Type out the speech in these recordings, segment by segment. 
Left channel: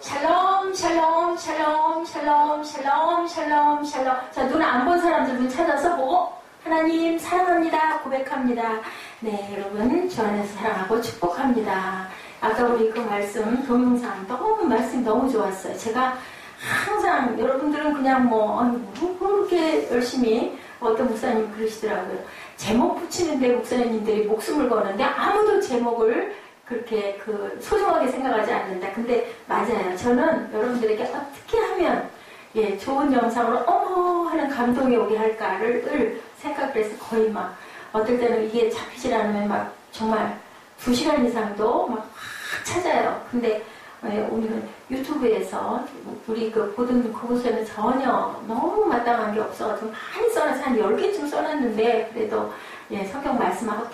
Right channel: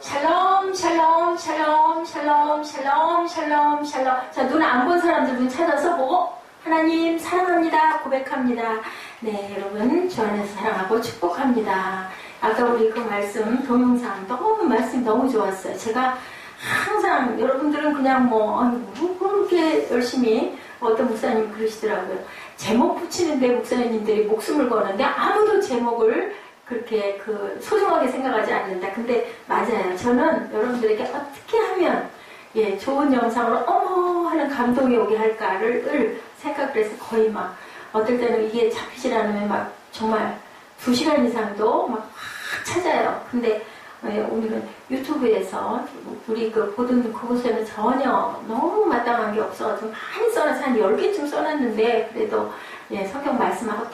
샬롬, 샬롬, 샬롬, 샬롬, 샬롬, 샬롬, 샬롬. 자, 눈 안 본 사람들 눈 찾아서 보고 하나님 사랑합니다. 고백합니다. 네, 여러분 주 안에서 사랑하고 축복합니다. 아까 우리 그 말씀 동영상 말씀이 너무 좋았어요. 제가 항상 여러분들은 그냥 그렇게 열심히 어떤 목사님 그러시더라고요. 제목 붙이는데 목사님들이 목숨을 거는데 아무도 제목을 그렇게 소중하게 생각하지 않는다. 근데 맞아요. 저는 여러분들에게 어떻게 하면 좋은 영상으로 어머 하는 감동이 오게 할까를 생각을 해서 거의 어떨 때는 이게 잡히질 않으면 정말 2시간 이상도 막 찾아요. 근데 우리는 유튜브에서 우리 보던 그곳에는 전혀 너무 마땅한 게 없어가지고 많이 써놔서 한 10개쯤 써놨는데 그래도 성경 말씀하고 다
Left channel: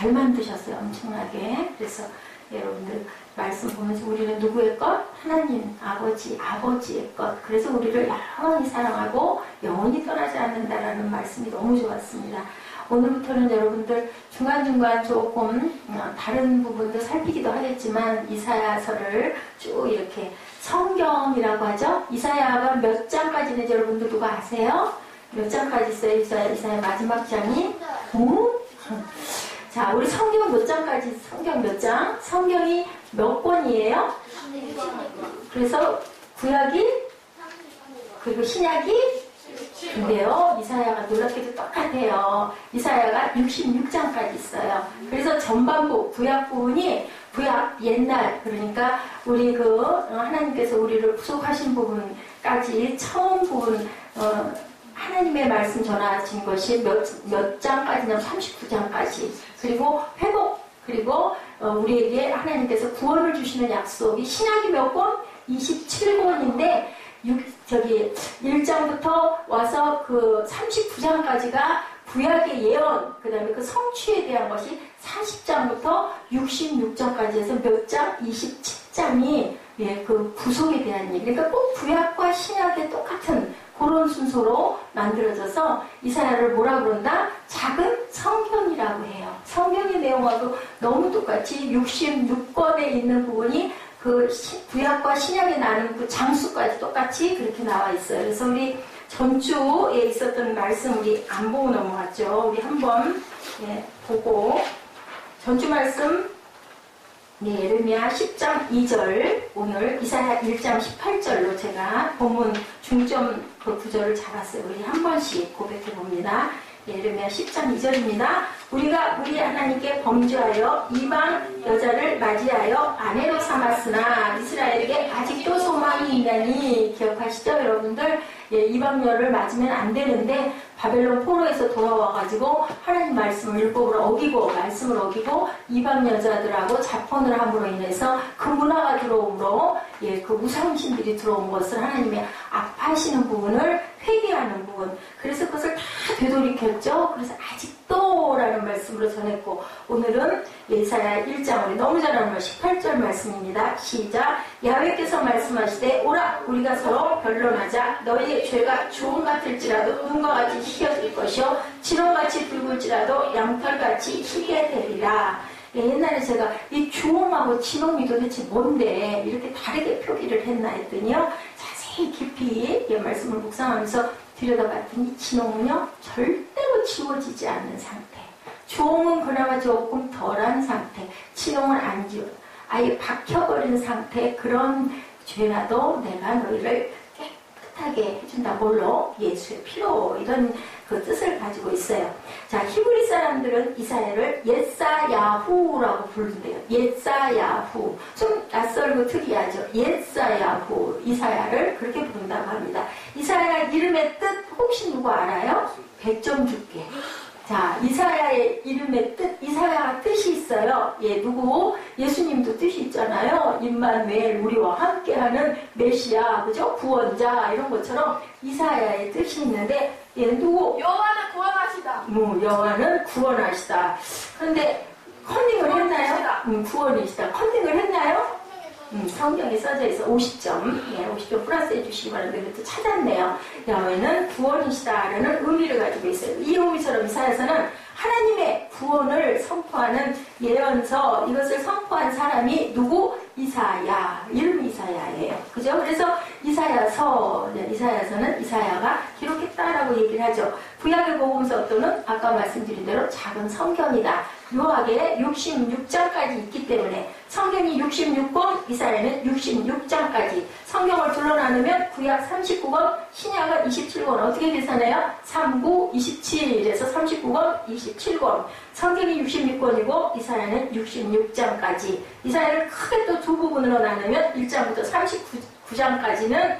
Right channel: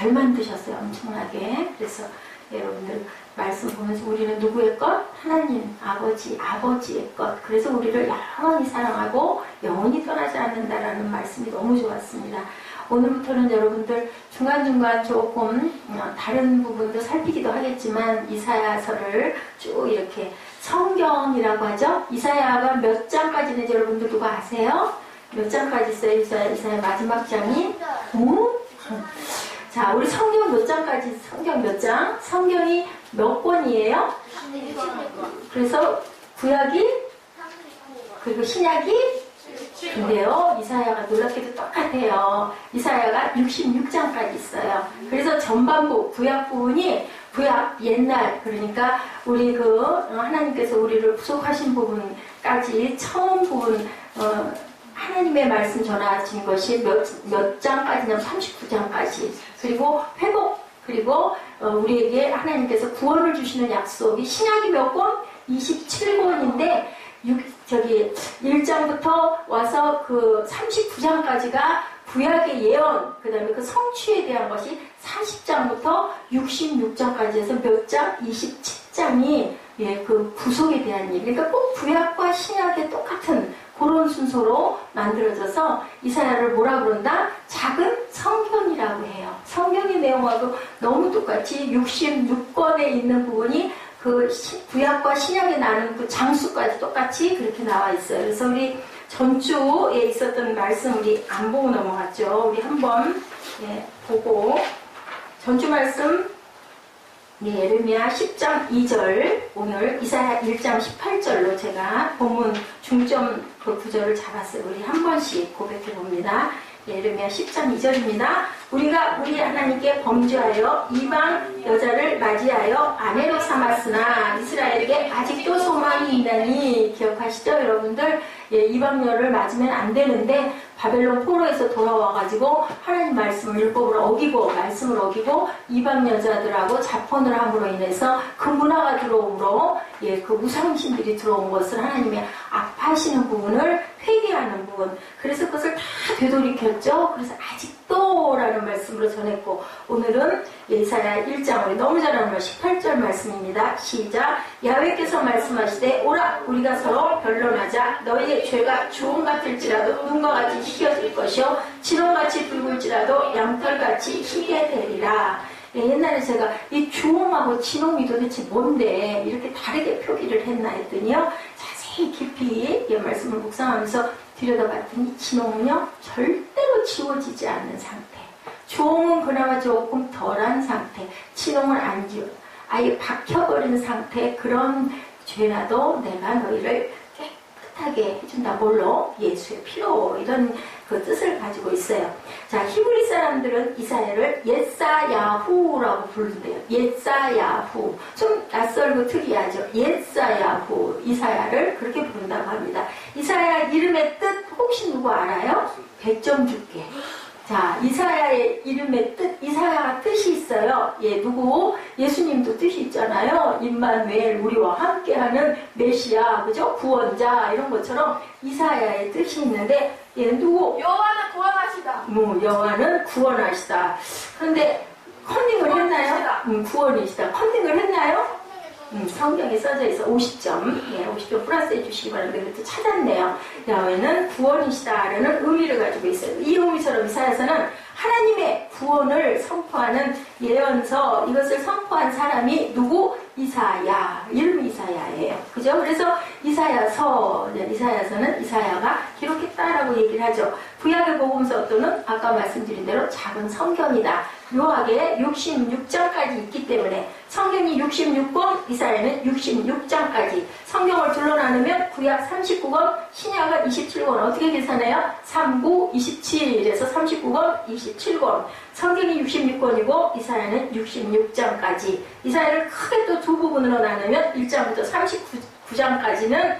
잘 만드셨어요. 엄청나게. 그래서 여러분들 말씀 보면서 우리는 누구의 것? 하나님, 아버지의 것. 그래서 우리를 영원히 사랑하고 영원히 떠나지 않는다라는 말씀이 너무 좋았습니다. 오늘부터는 여러분들 중간중간 조금 다른 부분도 살피기도 하겠지만 이사야서를 쭉 이렇게 성경이라고 하죠. 이사야가 몇 장까지는지 여러분들 누가 아세요? 몇 장까지 있어요? 이사야 마지막 장이? 자, 우리 성경 몇 장까지, 성경 몇 장? 성경이 몇 권이에요? 그래서 구약이? 그리고 신약이? 근데요, 이사야가 놀랍게도 똑같아요. 이사야가 66장까지 있어요. 그래서 전반부, 구약 부분이, 구약 옛날, 그러니까 우리 하나님께서 우리를 구속하신 부분까지 처음 부분, 하나님의 말씀 전하신 것이 몇 장까지냐면 39장까지. 그리고 회복, 그리고 우리에게 하나님께서 구원을 주시는 약속이 신약이 몇 권? 27권인데 1장부터 와서 39장까지가 구약의 예언, 그 다음에 성취에 대한 것이 40장부터 66장까지 해서 몇 장? 27장이 구속에 대한 얘기. 그러니까 꼭 구약과 신약의 똑같은 그런 순서로 만들어져서 이사야를 뭐라 그런다? 작은 성경이라고 해요. 성경의 내용하고 너무 똑같이 66권에 있는 부분이 구약과 신약에 나는 장수까지 똑같이 그렇게 나와 있어요. 그래서 우리 전주에 있었던 말씀 우리 안 보고 넘어갔죠. 우리 한번 보고 전주 말씀 예레미야 10장 2절, 오늘 이사야 1장 18절로 제가 본문 중점 구절을 잡았어요. 우리 한 번씩 고백해 봅니다. 예레미야 10장 2절입니다. 우리가 우리 하나님께 범죄하여 이방 여자를 맞이하여 아내로 삼았으나 이스라엘에게 아직도 소망이 있나니 기억하시죠 여러분들? 이방녀를 맞으면 안 되는데 바벨론 포로에서 돌아와가지고 하나님 말씀을 율법을 어기고 말씀을 어기고 이방 여자들하고 자폰을 함으로 인해서 그 문화가 들어옴으로 그 우상신들이 들어온 것을 하나님이 아파하시는 부분을 회개하는 부분, 그래서 그것을 다 되돌이켰죠. 그래서 아직도 라는 말씀으로 전했고, 오늘은 이사야 1장 우리 너무 잘 아는 18절 말씀입니다. 시작. 야훼께서 말씀하시되 오라 우리가 서로 변론하자. 너희의 죄가 주홍 같을지라도 눈과 같이 희겨질 것이요 진홍같이 붉을지라도 양털같이 희게 되리라. 옛날에 제가 이 주홍하고 진홍이 도대체 뭔데 이렇게 다르게 표기를 했나 했더니요, 자세히 깊이 이 말씀을 묵상하면서 들여다봤더니 진홍은요 절대로 지워지지 않는 상태, 주홍은 그나마 조금 덜한 상태, 진홍은 안 지워 아예 박혀버린 상태, 그런 죄라도 내가 너희를 깨끗하게 해준다. 뭘로? 예수의 피로. 이런 그 뜻을 가지고 있어요. 자, 히브리 사람들은 이사야를 옛사야후라고 부른대요. 옛사야후. 좀 낯설고 특이하죠. 옛사야후. 이사야를 그렇게 부른다고 합니다. 이사야 이름의 뜻 혹시 누구 알아요? 100점 줄게. 자, 이사야의 이름의 뜻, 이사야가 뜻이 있어요. 누구? 예수님도 뜻이 있잖아요. 임마누엘, 우리와 함께하는 메시아, 그죠? 구원자, 이런 것처럼 이사야의 뜻이 있는데, 얘는 누구? 여호와는 구원하시다. 여호와는 구원하시다. 그런데 컨닝을 했나요? 구원이시다. 컨닝을 했나요? 성경에 써져 있어. 50점. 50점 플러스 해주시기 바랍니다. 그것도 찾았네요. 야훼는 구원이시다라는 의미를 가지고 있어요. 이 의미처럼 이사야서는 하나님의 구원을 선포하는 예언서, 이것을 선포한 사람이 누구? 이사야. 이름이 이사야예요. 이사야서는 이사야가 기록했다라고 얘기를 하죠. 구약의 복음서도는 아까 말씀드린 대로 작은 성경이다. 묘하게 66장까지 있기 때문에 성경이 66권, 이사야는 66장까지. 성경을 둘러 나누면 구약 39권, 신약은 27권. 어떻게 계산해요? 39, 27에서 39권, 27권. 성경이 66권이고 이사야는 66장까지. 이사야를 크게 또 두 부분으로 나누면 1장부터 39장까지는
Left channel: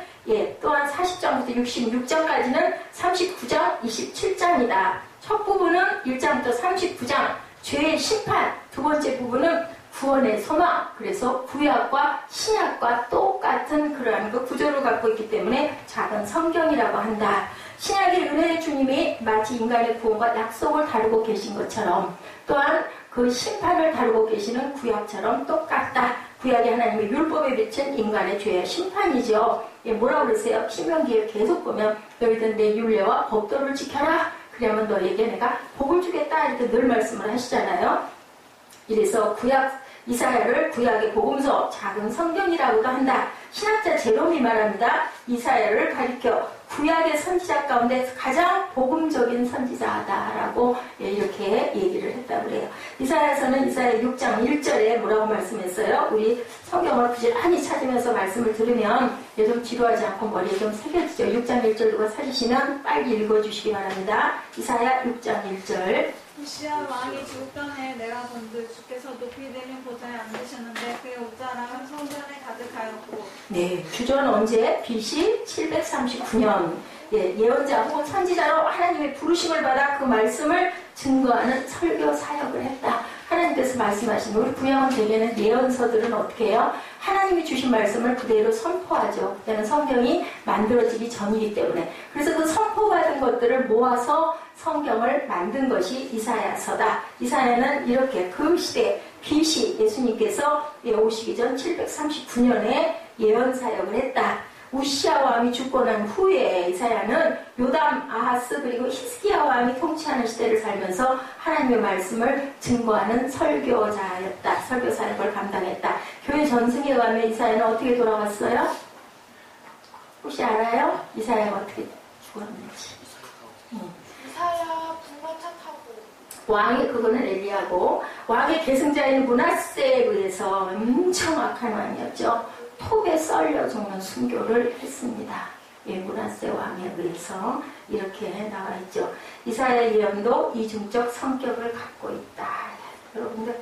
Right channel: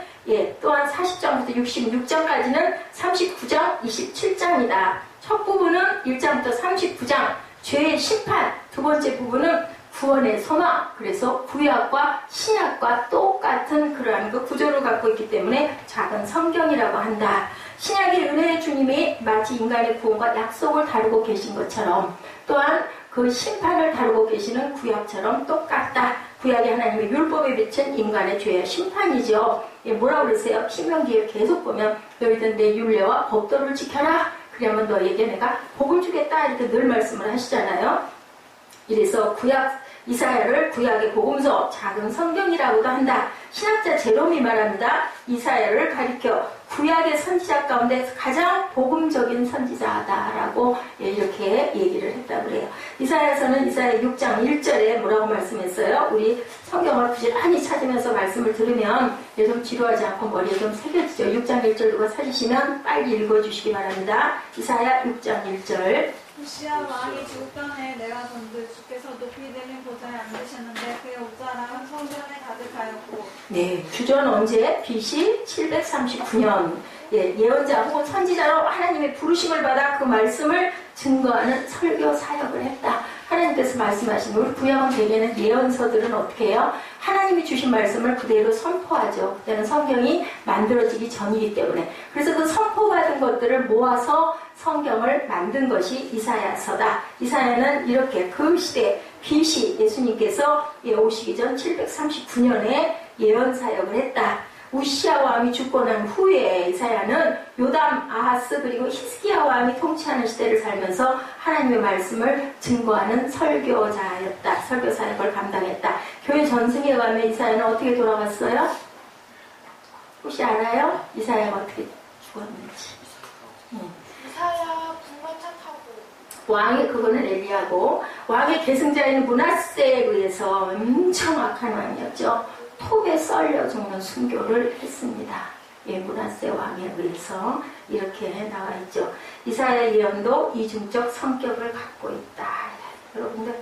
또한 40장부터 66장까지는 39장, 27장이다. 첫 부분은 1장부터 39장, 죄의 심판. 두 번째 부분은 구원의 소망. 그래서 구약과 신약과 똑같은 그러한 그 구조를 갖고 있기 때문에 작은 성경이라고 한다. 신약의 은혜의 주님이 마치 인간의 구원과 약속을 다루고 계신 것처럼 또한 그 심판을 다루고 계시는 구약처럼 똑같다. 구약이 하나님의 율법에 비친 인간의 죄의 심판이죠. 뭐라고 그러세요? 신명기에 계속 보면 너희들 내 율례와 법도를 지켜라. 그러면 너에게 내가 복을 주겠다. 이렇게 늘 말씀을 하시잖아요. 이래서 이사야를 구약의 복음서, 작은 성경이라고도 한다. 신학자 제롬이 말합니다. 이사야를 가리켜 구약의 선지자 가운데 가장 복음적인 선지자다라고 이렇게 얘기를 했다고 그래요. 이사야서는 이사야 6장 1절에 뭐라고 말씀했어요? 우리 성경을 부지런히 찾으면서 말씀을 들으면 좀 지루하지 않고 머리에 좀 새겨지죠. 6장 1절 누가 찾으시면 빨리 읽어주시기 바랍니다. 이사야 6장 1절. 우시야 왕이 죽을 전에 내가 본들 주께서 높이 내린 보좌에 앉으셨는데 그의 옷자락은 성전에 가득하였고. 네, 주전 언제? BC 739년. 예언자 혹은 선지자로 하나님의 부르심을 받아 그 말씀을 증거하는 설교 사역을 했다. 하나님께서 말씀하신 우리 구약은 대개는 예언서들은 어떻게 해요? 하나님이 주신 말씀을 그대로 선포하죠. 그때는 성경이 만들어지기 전이기 때문에. 그래서 그 선포받은 것들을 모아서 성경을 만든 것이 이사야서다. 이사야는 이렇게 그 시대 BC 예수님께서 오시기 전 739년에 예언 사역을 했다. 우시야 왕이 죽고 난 후에 이사야는 요담, 아하스 그리고 히스기야 왕이 통치하는 시대를 살면서 하나님의 말씀을 증거하는 설교자였다. 설교 사역을 감당했다. 교회 전승에 가면 이사야는 어떻게 돌아갔어요? 혹시 알아요? 이사야가 어떻게 죽었는지. 이사야 분노차 타고. 왕의 그거는 엘리야고 왕의 계승자인 므낫세에 의해서 엄청 악한 왕이었죠. 톱에 썰려 죽는 순교를 했습니다. 므낫세 왕에 의해서 이렇게 나와 있죠. 이사야 예언도 이중적 성격을 갖고 있다. 여러분들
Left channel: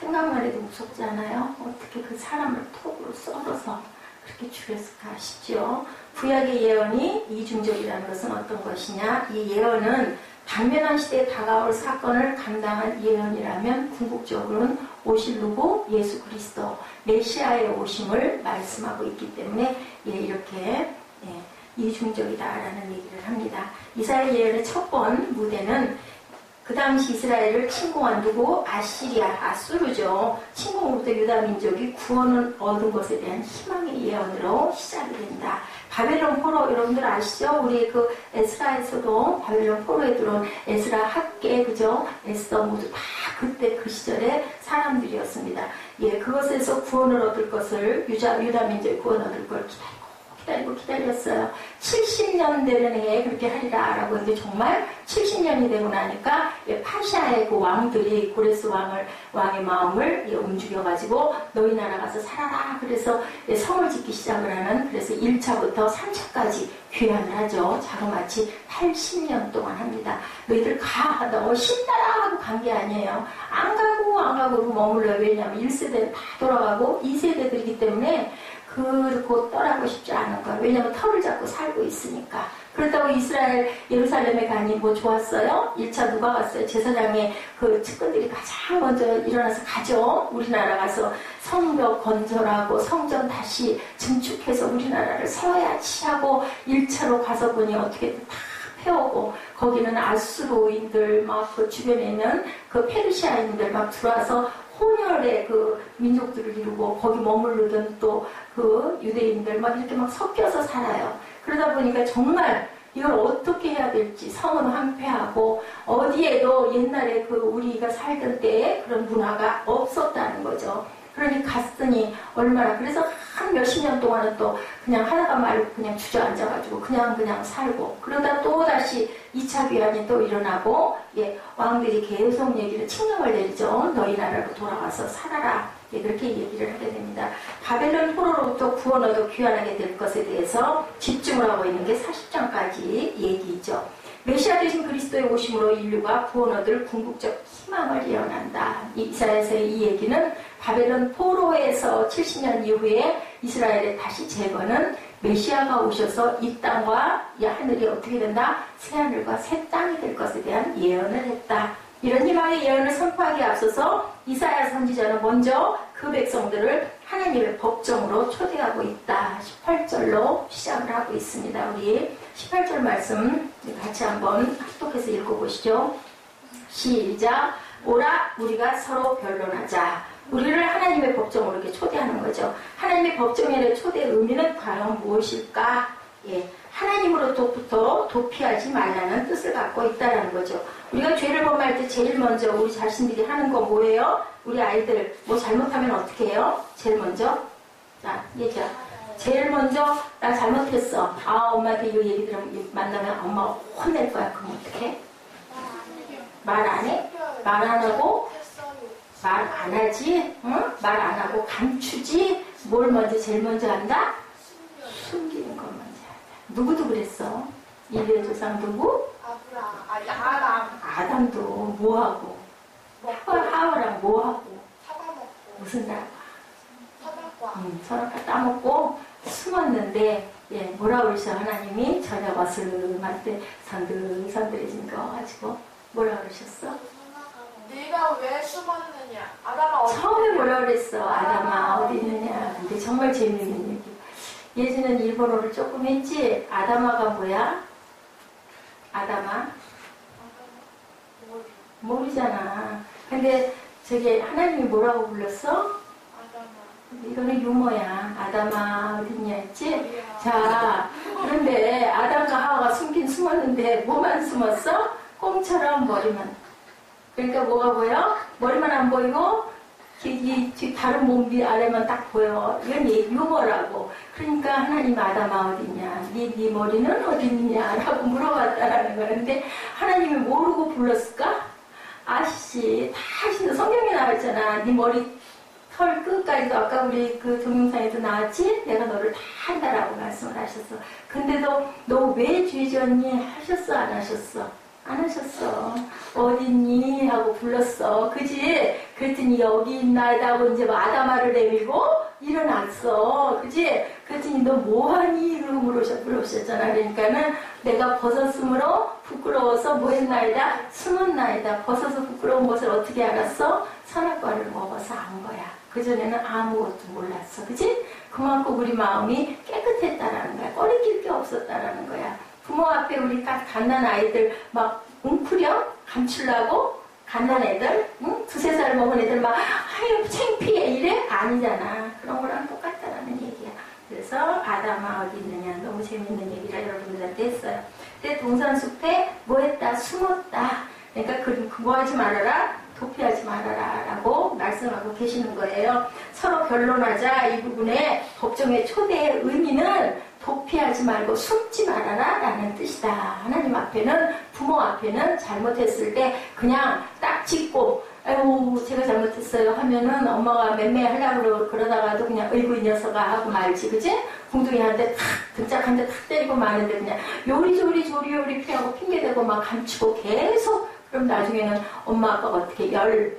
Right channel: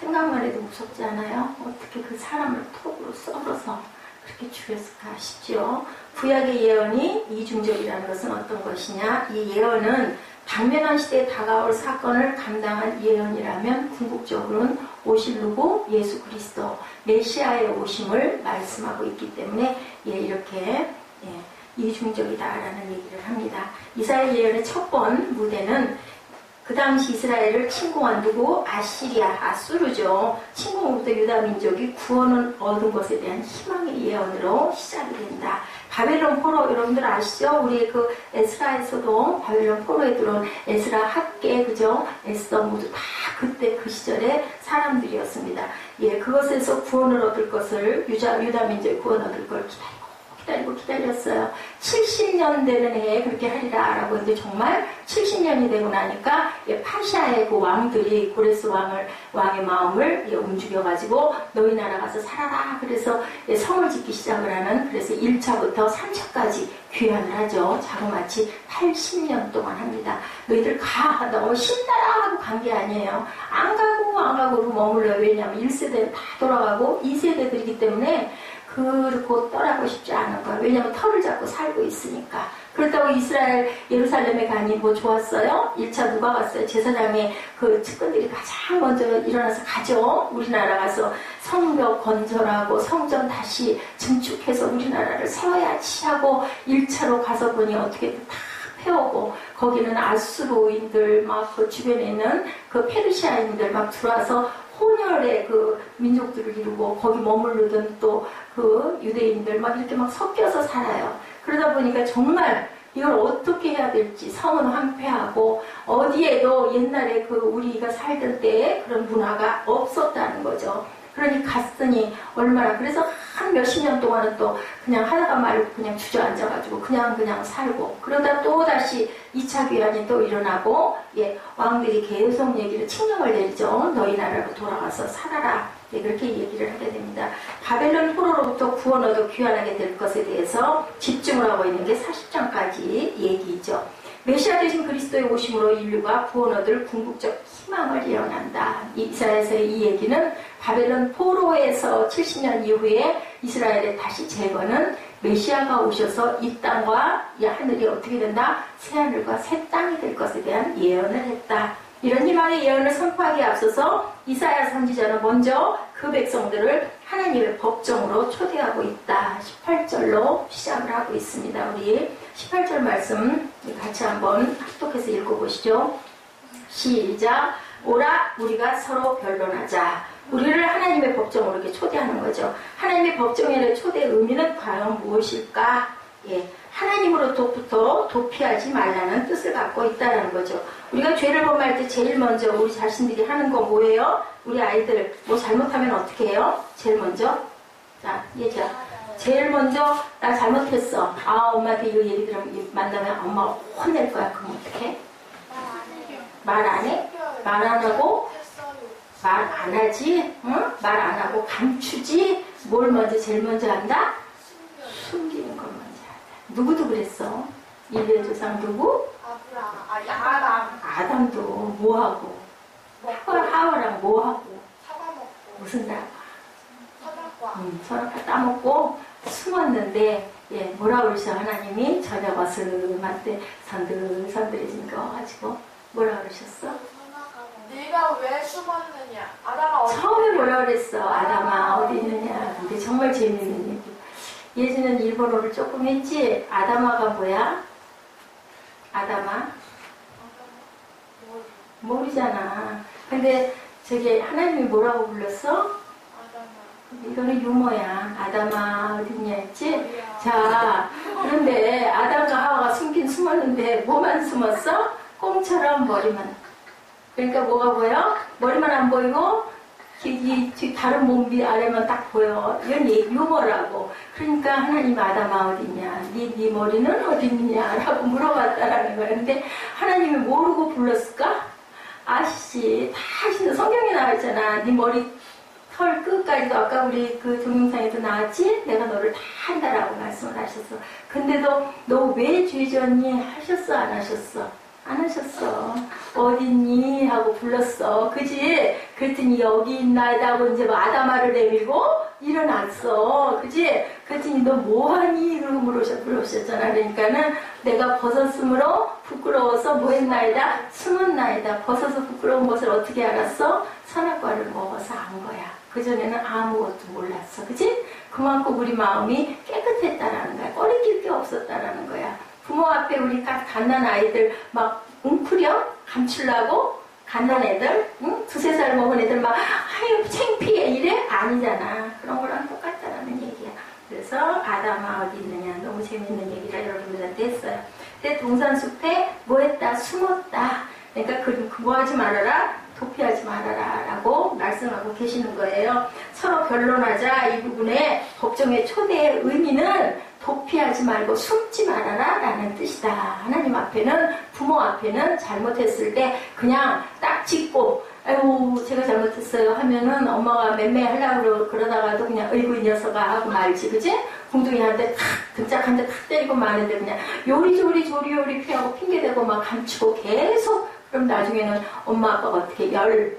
생각만 해도 무섭지 않아요? 어떻게 그 사람을 톱으로 썰어서 그렇게 죽였을까 싶죠. 구약의 예언이 이중적이라는 것은 어떤 것이냐? 이 예언은 당면한 시대에 다가올 사건을 감당한 예언이라면 궁극적으로는 오실 누구? 예수 그리스도 메시아의 오심을 말씀하고 있기 때문에 이렇게 이중적이다라는 얘기를 합니다. 이사야 예언의 첫 번 무대는 그 당시 이스라엘을 침공한 누구? 아시리아, 아수르죠. 침공으로부터 유다 민족이 구원을 얻은 것에 대한 희망의 예언으로 시작이 된다. 바벨론 포로 여러분들 아시죠? 우리 그 에스라에서도 바벨론 포로에 들어온 에스라 학계 그죠? 에스더 모두 다 그때 그 시절의 사람들이었습니다. 그것에서 구원을 얻을 것을 유다 민족이 구원 얻을 걸 기다렸어요. 70년 되는 해에 그렇게 하리라 라고 했는데 정말 70년이 되고 나니까 파시아의 그 왕들이 고레스 왕의 마음을 움직여가지고 너희 나라 가서 살아라. 그래서 성을 짓기 시작을 하는 그래서 1차부터 3차까지 귀환을 하죠. 자그마치 80년 동안 합니다. 너희들 가. 너무 신나라 하고 간 게 아니에요. 안 가고 머물러요. 왜냐하면 1세대는 다 돌아가고 2세대들이기 때문에 그렇고 떠나고 싶지 않은 거야. 왜냐하면 털을 잡고 살고 있으니까. 그렇다고 이스라엘 예루살렘에 가니 뭐 좋았어요? 1차 누가 갔어요? 제사장의 그 측근들이 가장 먼저 일어나서 가죠. 우리나라 가서 성벽 건설하고 성전 다시 증축해서 우리나라를 세워야지 하고 1차로 가서 보니 어떻게 다 태우고 거기는 아수르인들 막 그 주변에 있는 그 페르시아인들 막 들어와서 혼혈의 그 민족들을 이루고 거기 머무르던 또 그 유대인들 막 이렇게 막 섞여서 살아요. 그러다 보니까 정말 이걸 어떻게 해야 될지 성은 황폐하고 어디에도 옛날에 그 우리가 살던 때에 그런 문화가 없었다는 거죠. 그러니 갔으니 얼마나 그래서 한 몇십 년 동안은 또 그냥 하다가 말고 그냥 주저앉아가지고 그냥 살고 그러다 또 다시 2차 귀환이 또 일어나고 예, 왕들이 계속 얘기를 칙령을 내리죠. 너희 나라로 돌아가서 살아라. 예, 그렇게 얘기를 하게 됩니다. 바벨론 포로로부터 구원 얻어 귀환하게 될 것에 대해서 집중을 하고 있는 게 40장까지 얘기죠. 메시아 되신 그리스도의 오심으로 인류가 구원 얻을 궁극적 희망을 예언한다. 이사야서의 이 얘기는 바벨론 포로에서 70년 이후에 이스라엘의 다시 재건은 메시아가 오셔서 이 땅과 이 하늘이 어떻게 된다? 새하늘과 새 땅이 될 것에 대한 예언을 했다. 이런 희망의 예언을 선포하기에 앞서서 이사야 선지자는 먼저 그 백성들을 하나님의 법정으로 초대하고 있다. 18절로 시작을 하고 있습니다. 우리 18절 말씀 같이 한번 합독해서 읽어보시죠. 시작. 오라 우리가 서로 변론하자. 우리를 하나님의 법정으로 이렇게 초대하는 거죠. 하나님의 법정의 초대의 의미는 과연 무엇일까? 예, 하나님으로부터 도피하지 말라는 뜻을 갖고 있다는 거죠. 우리가 죄를 범할 때 제일 먼저 우리 자신들이 하는 건 뭐예요? 우리 아이들 뭐 잘못하면 어떻게 해요? 제일 먼저 자 얘기야. 제일 먼저 나 잘못했어. 아 엄마한테 이 얘기 들으면 만나면 엄마 혼낼 거야. 그럼 어떡해? 말 안 해? 말 안 하고 말 안 하지? 응? 말 안 하고 감추지? 뭘 먼저 제일 먼저 한다? 숨기는 걸 먼저 한다. 누구도 그랬어? 인류의 조상 누구? 아담도 뭐하고? 하와랑 뭐하고? 무슨 나라? 선악과 따먹고 숨었는데 예, 뭐라 그러셔 하나님이 저녁 어스름할 때 선들선들해지니까 와가지고 뭐라 그러셨어? 네가 왜 숨었느냐? 아담아 어디 처음에 뭐라 그랬어? 아담아 어디 있느냐? 근데 정말 재밌는 얘기. 예전엔 일본어를 조금 했지? 아담아가 뭐야? 아담아? 모르잖아. 근데 저기 하나님이 뭐라고 불렀어? 이거는 유머야. 아담아 어딨냐 했지? 자, 그런데 아담과 하와가 숨긴 숨었는데 뭐만 숨었어? 꽁처럼 머리만. 그러니까 뭐가 보여? 머리만 안 보이고 이 다른 몸 아래만 딱 보여. 이건 유머라고. 그러니까 하나님 아담아 어딨냐? 네 머리는 어딨냐라고 물어봤다라는 거야. 근데 하나님이 모르고 불렀을까? 아시지? 다 아시는 성경에 나와있잖아. 네 머리 털 끝까지도 아까 우리 그 동영상에도 나왔지? 내가 너를 다 한다라고 말씀을 하셨어. 근데도 너 왜 죄졌니? 하셨어? 안 하셨어? 안 하셨어. 어딨니? 하고 불렀어. 그지? 그랬더니 여기 있나이다 하고 이제 아담아를 내밀고 일어났어. 그지? 그랬더니 너 뭐하니? 그러고 물으셨잖아. 그러니까는 내가 벗었으므로 부끄러워서 뭐 했나이다? 숨었나이다. 벗어서 부끄러운 것을 어떻게 알았어? 선악과를 먹어서 안 거야. 그전에는 아무것도 몰랐어. 그지? 그만큼 우리 마음이 깨끗했다라는 거야. 꺼리낄 게 없었다라는 거야. 부모 앞에 우리 갓난 아이들 막 웅크려? 감추려고? 갓난 애들? 응? 2-3살 먹은 애들 막 아유 창피해 이래? 아니잖아. 그런 거랑 똑같다라는 얘기야. 그래서 아담아 어디 있느냐. 너무 재밌는 얘기를 여러분들한테 했어요. 근데 동산숲에 뭐 했다? 숨었다. 그러니까 뭐 하지 말아라? 도피하지 말아라 라고 말씀하고 계시는 거예요. 서로 변론하자. 이 부분에 법정의 초대의 의미는 도피하지 말고 숨지 말아라 라는 뜻이다. 하나님 앞에는 부모 앞에는 잘못했을 때 그냥 딱 짚고 아이고 제가 잘못했어요 하면은 엄마가 맴매하려고 그러다가도 그냥 어이구 이 녀석아 하고 말지. 그지? 궁둥이한테 탁 등짝한테 탁 때리고 마는데 그냥 요리 피하고 핑계대고 막 감추고 계속 그럼 나중에는 엄마 아빠가 어떻게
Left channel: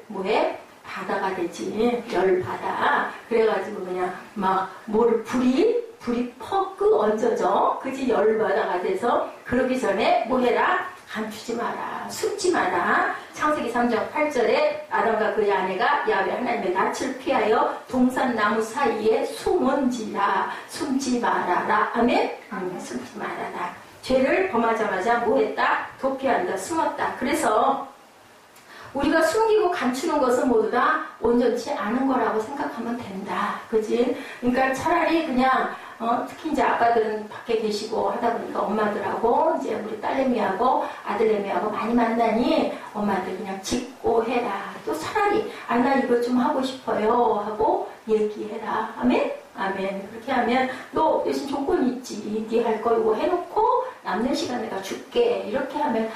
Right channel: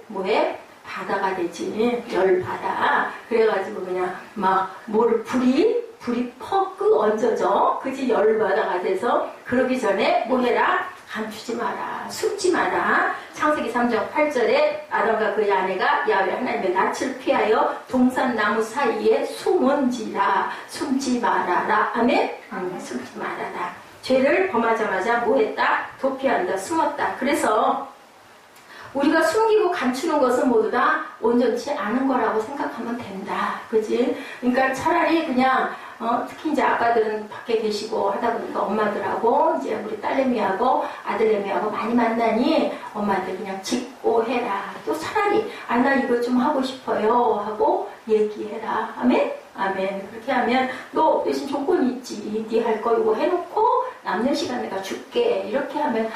뭐해? 바다가 되지. 열바다. 그래가지고 그냥 막 뭐를 불이 퍽 얹어져. 그지? 열바다가 돼서 그러기 전에 뭐 해라? 감추지 마라. 숨지 마라. 창세기 3장 8절에 아담과 그의 아내가 야훼 하나님의 낯을 피하여 동산나무 사이에 숨은지라. 숨지 말아라. 아멘? 숨지 말아라. 죄를 범하자마자 뭐 했다? 도피한다. 숨었다. 그래서 우리가 숨기고 감추는 것은 모두 다 온전치 않은 거라고 생각하면 된다. 그지? 그러니까 차라리 그냥 특히 이제 아빠들은 밖에 계시고 하다 보니까 엄마들하고 이제 우리 딸내미하고 아들내미하고 많이 만나니 엄마들 그냥 짚고 해라. 또 차라리 나 이거 좀 하고 싶어요 하고 얘기해라. 아멘? 아멘. 그렇게 하면 너 대신 조건이 있지. 네 할 거 이거 해놓고 남는 시간 내가 줄게. 이렇게 하면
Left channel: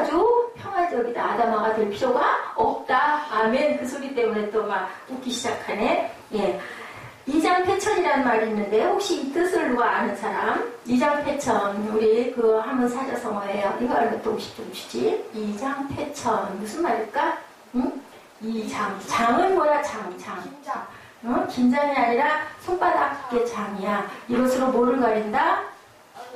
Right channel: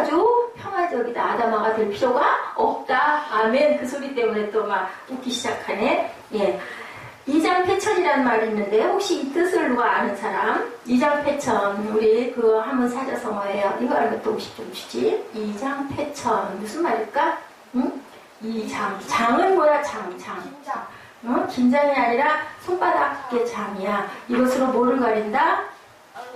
아주 평화적이다. 아담아가 될 필요가 없다. 아멘. 그 소리 때문에 또 막 웃기 시작하네. 예. 이장패천이라는 말이 있는데 혹시 이 뜻을 누가 아는 사람? 이장패천 우리 그거 한번 사자성어예요. 이거 알면 또 혹시 좀 주지? 이장패천 무슨 말일까? 응? 장은 뭐야? 장. 긴장. 긴장이 아니라 손바닥의 장이야. 이것으로 뭐를 가린다?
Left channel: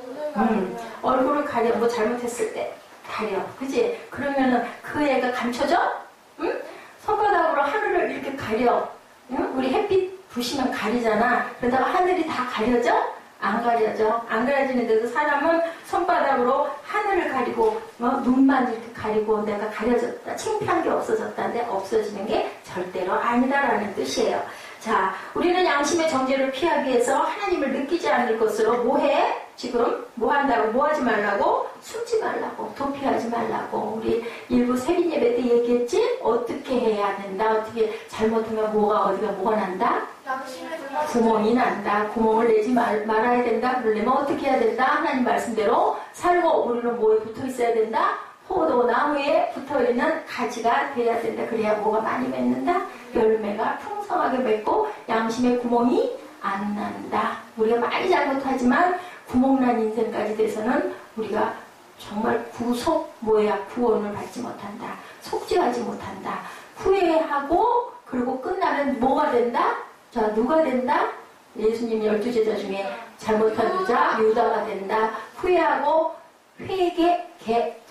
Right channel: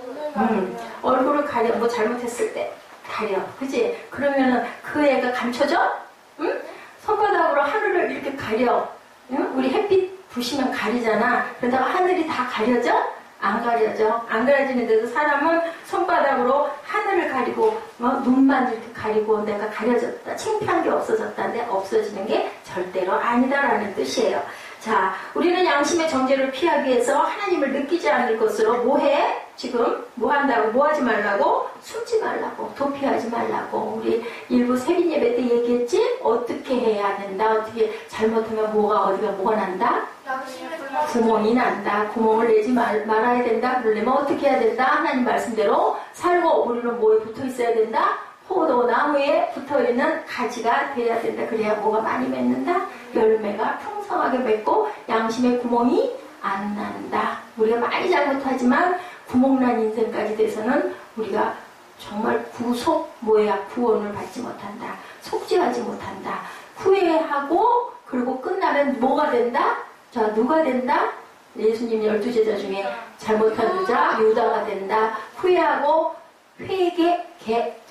눈을 가리면. 얼굴을 가려. 뭐 잘못했을 때 가려. 그지? 그러면은 그 애가 감춰져? 응? 손바닥으로 하늘을 이렇게 가려. 응? 우리 햇빛 부시면 가리잖아. 그러다가 하늘이 다 가려져? 안 가려져. 안 가려지는데도 사람은 손바닥으로 하늘을 가리고 눈만 이렇게 가리고 내가 가려졌다. 창피한 게 없어졌다는데 없어지는 게 절대로 아니다라는 뜻이에요. 자, 우리는 양심의 정죄를 피하기 위해서 하나님을 느끼지 않을 것으로 뭐해? 지금 뭐 한다고? 뭐 하지 말라고? 숨지 말라고. 도피하지 말라고. 우리 일부 세빈 예배 때 얘기했지? 어떻게 해야 된다? 어떻게 잘못하면 뭐가 난다? 양심의 구멍이 난다. 구멍을 내지 말아야 된다. 그러려면 어떻게 해야 된다? 하나님 말씀대로 살고 우리는 뭐에 붙어 있어야 된다? 포도 나무에 붙어있는 가지가 돼야 된다. 그래야 뭐가 많이 맺는다? 열매가 풍성하게 맺고 양심의 구멍이 안 난다. 우리가 많이 잘못하지만 구멍난 인생까지 돼서는 우리가 정말 구원을 받지 못한다. 속죄하지 못한다. 후회하고 그리고 끝나면 뭐가 된다? 자, 누가 된다? 예수님 12제자 중에 잘못한 유자, 유다가 된다. 후회하고 회개,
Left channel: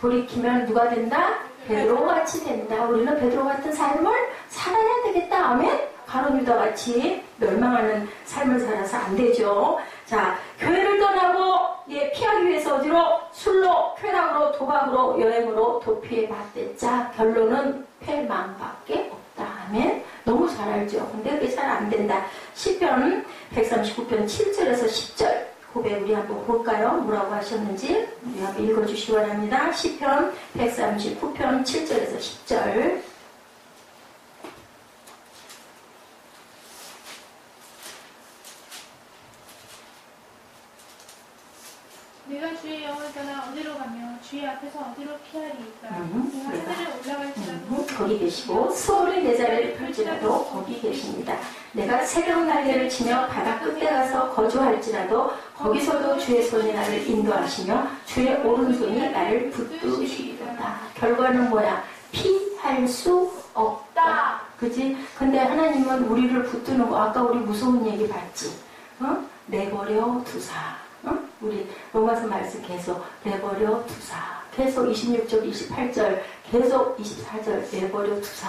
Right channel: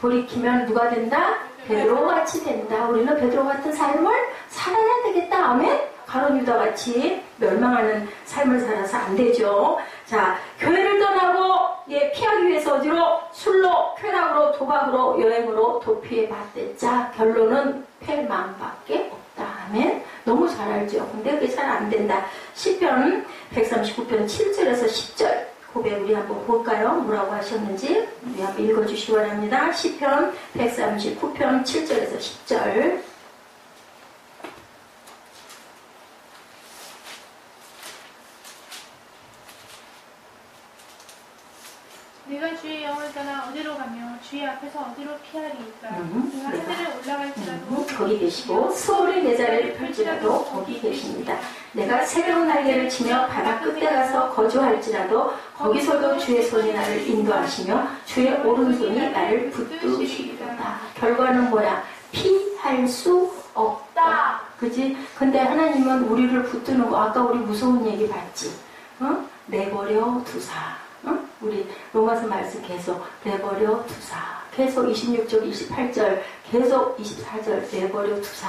돌이키면 누가 된다? 베드로같이 된다. 우리는 베드로 같은 삶을 살아야 되겠다. 아멘? 가룟 유다같이 멸망하는 삶을 살아서 안 되죠. 자, 교회를 떠나고 피하기 위해서 어디로? 술로, 쾌락으로, 도박으로, 여행으로 도피해 봤댔자 결론은 패망밖에 없다. 아멘? 너무 잘 알죠. 근데 그게 잘 안 된다. 시편 139편 7절에서 10절 고백 우리 한번 볼까요? 뭐라고 하셨는지 우리 한번 읽어주시기 바랍니다. 시편 139편 7절에서 10절. 내가 주의 영을 떠나 어디로 가며 주의 앞에서 어디로 피하리이까. 내가 하늘에 올라갈지라도 거기 계시고 수월의 내 자리를 펼지라도 거기 계십니다. 내가 새로운 날개를 치며 바다 끝에 가서 거주할지라도 거기서도 주의 손이 나를 인도하시며 주의 오른손이 나를 붙드시리로다. 결과는 뭐야? 피할 수 없다. 그치? 근데 하나님은 우리를 붙드는 거 아까 우리 무서운 얘기 봤지? 내버려 두사. 우리 로마서 말씀 계속 내버려 두사. 계속 26절, 28절, 계속 24절 내버려 두사.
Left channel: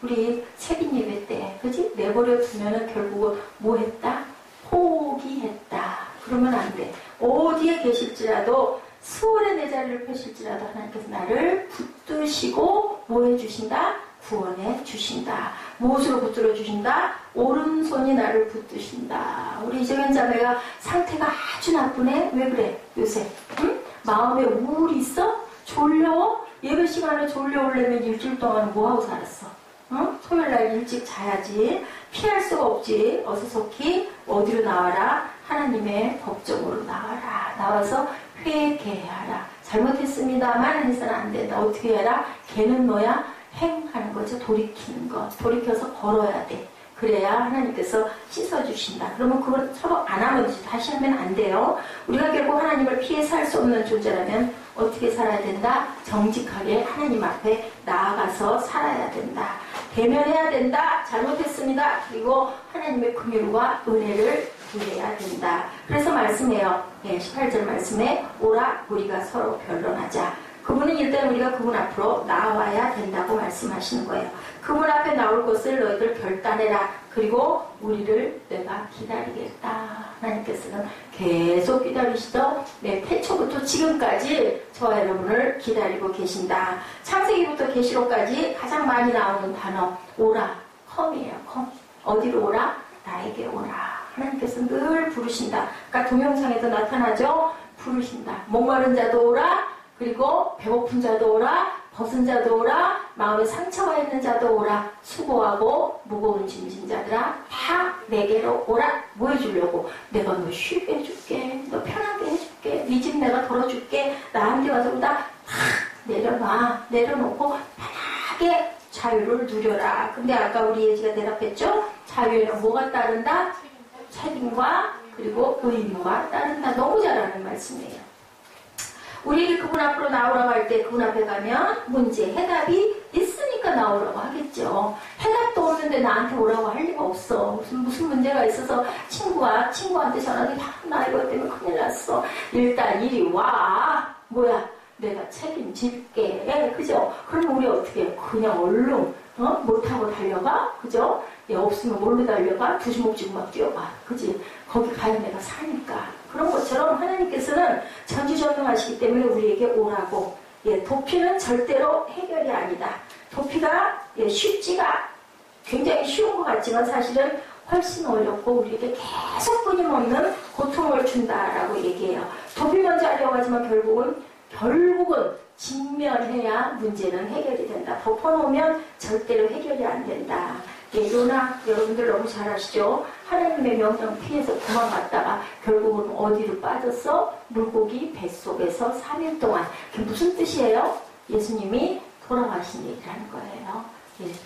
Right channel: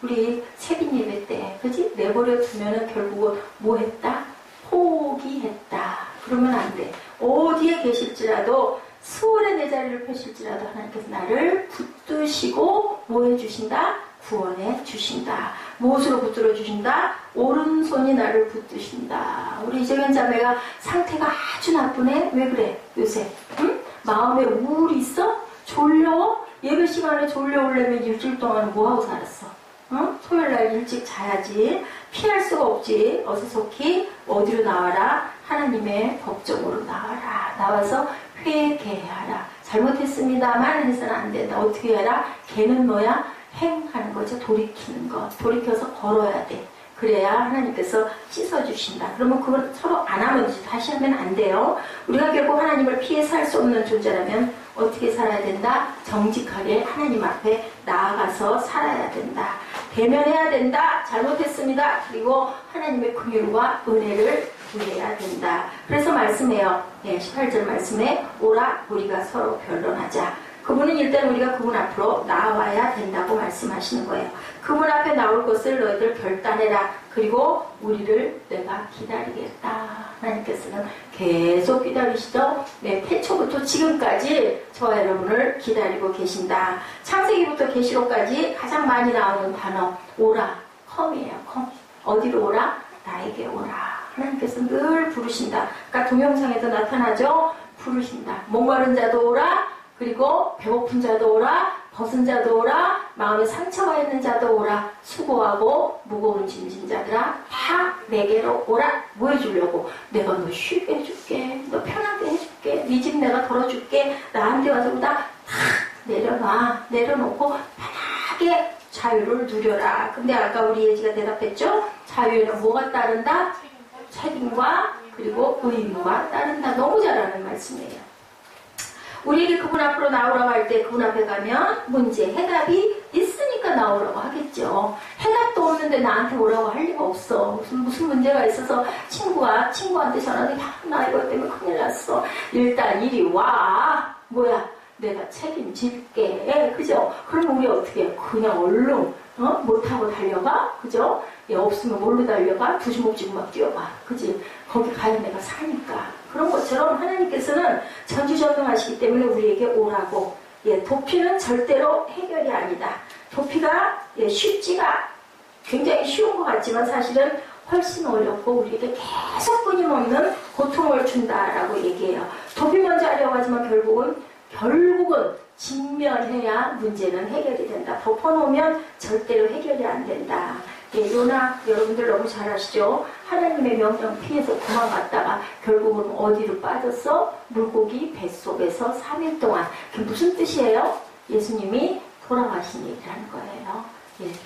우리 세빈 예배 때, 그지? 내버려 두면은 결국은 뭐 했다? 포기했다. 그러면 안 돼. 어디에 계실지라도, 수월의 내 자리를 펴실지라도 하나님께서 나를 붙드시고 뭐 해주신다? 구원해 주신다. 무엇으로 붙들어 주신다? 오른손이 나를 붙드신다. 우리 이정현 자매가 상태가 아주 나쁘네. 왜 그래? 요새 응? 마음에 우울이 있어? 졸려워? 예배 시간에 졸려오려면 일주일 동안 뭐하고 살았어? 응? 토요일날 일찍 자야지. 피할 수가 없지. 어서 속히 어디로 나와라? 하나님의 법정으로 나와라. 나와서 회개하라. 잘못했습니다만 해서는 안 된다. 어떻게 해라? 걔는 뭐야? 행하는 거죠. 돌이키는 것. 돌이켜서 걸어야 돼. 그래야 하나님께서 씻어주신다. 그러면 그걸 서로 안 하면 다시 하면 안 돼요. 우리가 결국 하나님을 피해 살 수 없는 존재라면 어떻게 살아야 된다? 정직하게 하나님 앞에 나아가서 살아야 된다. 대면해야 된다. 잘못했습니다. 그리고 하나님의 긍휼과 은혜를 구해야 된다. 그래서 말씀해요. 18절 말씀에 오라 우리가 서로 변론하자. 그분은 일단 우리가 그분 앞으로 나와야 된다고 말씀하시는 거예요. 그분 앞에 나올 것을 너희들 결단해라. 그리고 우리를 내가 기다리겠다. 하나님께서는 계속 기다리시죠. 태초부터 지금까지 저와 여러분을 기다리고 계신다. 창세기부터 계시록까지 가장 많이 나오는 단어 오라, 컴이에요. 컴. 어디로 오라? 나에게 오라. 하나님께서 늘 부르신다. 그러니까 동영상에도 나타나죠. 부르신다. 목마른 자도 오라. 그리고 배고픈 자도 오라, 벗은 자도 오라, 마음에 상처가 있는 자도 오라, 수고하고 무거운 짐진 자들아 다 내게로 오라. 뭐 해주려고? 내가 너 쉬게 해줄게, 너 편하게 해줄게, 네 집 내가 덜어줄게, 나한테 와서 다 내려놔. 내려놓고 편하게 자유를 누려라. 근데 아까 우리 예지가 대답했죠? 자유에는 뭐가 따른다? 책임과 그리고 의무가 따른다. 너무 잘하는 말씀이에요. 우리에게 그분 앞으로 나오라고 할 때 그분 앞에 가면 문제, 해답이 있으니까 나오라고 하겠죠. 해답도 없는데 나한테 오라고 할 리가 없어. 무슨 문제가 있어서 친구한테 전화해서 야, 나 이것 때문에 큰일 났어. 일단 이리 와. 뭐야? 내가 책임질게. 그죠? 그럼 우리 어떻게 해? 그냥 얼른 못하고 달려가? 그죠? 없으면 뭘로 달려가? 두 주먹 쥐고 막 뛰어가. 그지? 거기 가야 내가 사니까. 그런 것처럼 하나님께서는 전지전능하시기 때문에 우리에게 오라고. 도피는 절대로 해결이 아니다. 도피가 쉽지가 굉장히 쉬운 것 같지만 사실은 훨씬 어렵고 우리에게 계속 끊임없는 고통을 준다라고 얘기해요. 도피 먼저 하려고 하지만 결국은 직면해야 문제는 해결이 된다. 덮어놓으면 절대로 해결이 안 된다. 요나 여러분들 너무 잘 아시죠? 하나님의 명령 피해서 도망갔다가 결국은 어디로 빠졌어? 물고기 뱃속에서 3일 동안. 그게 무슨 뜻이에요? 예수님이 돌아가신 얘기를 하는 거예요.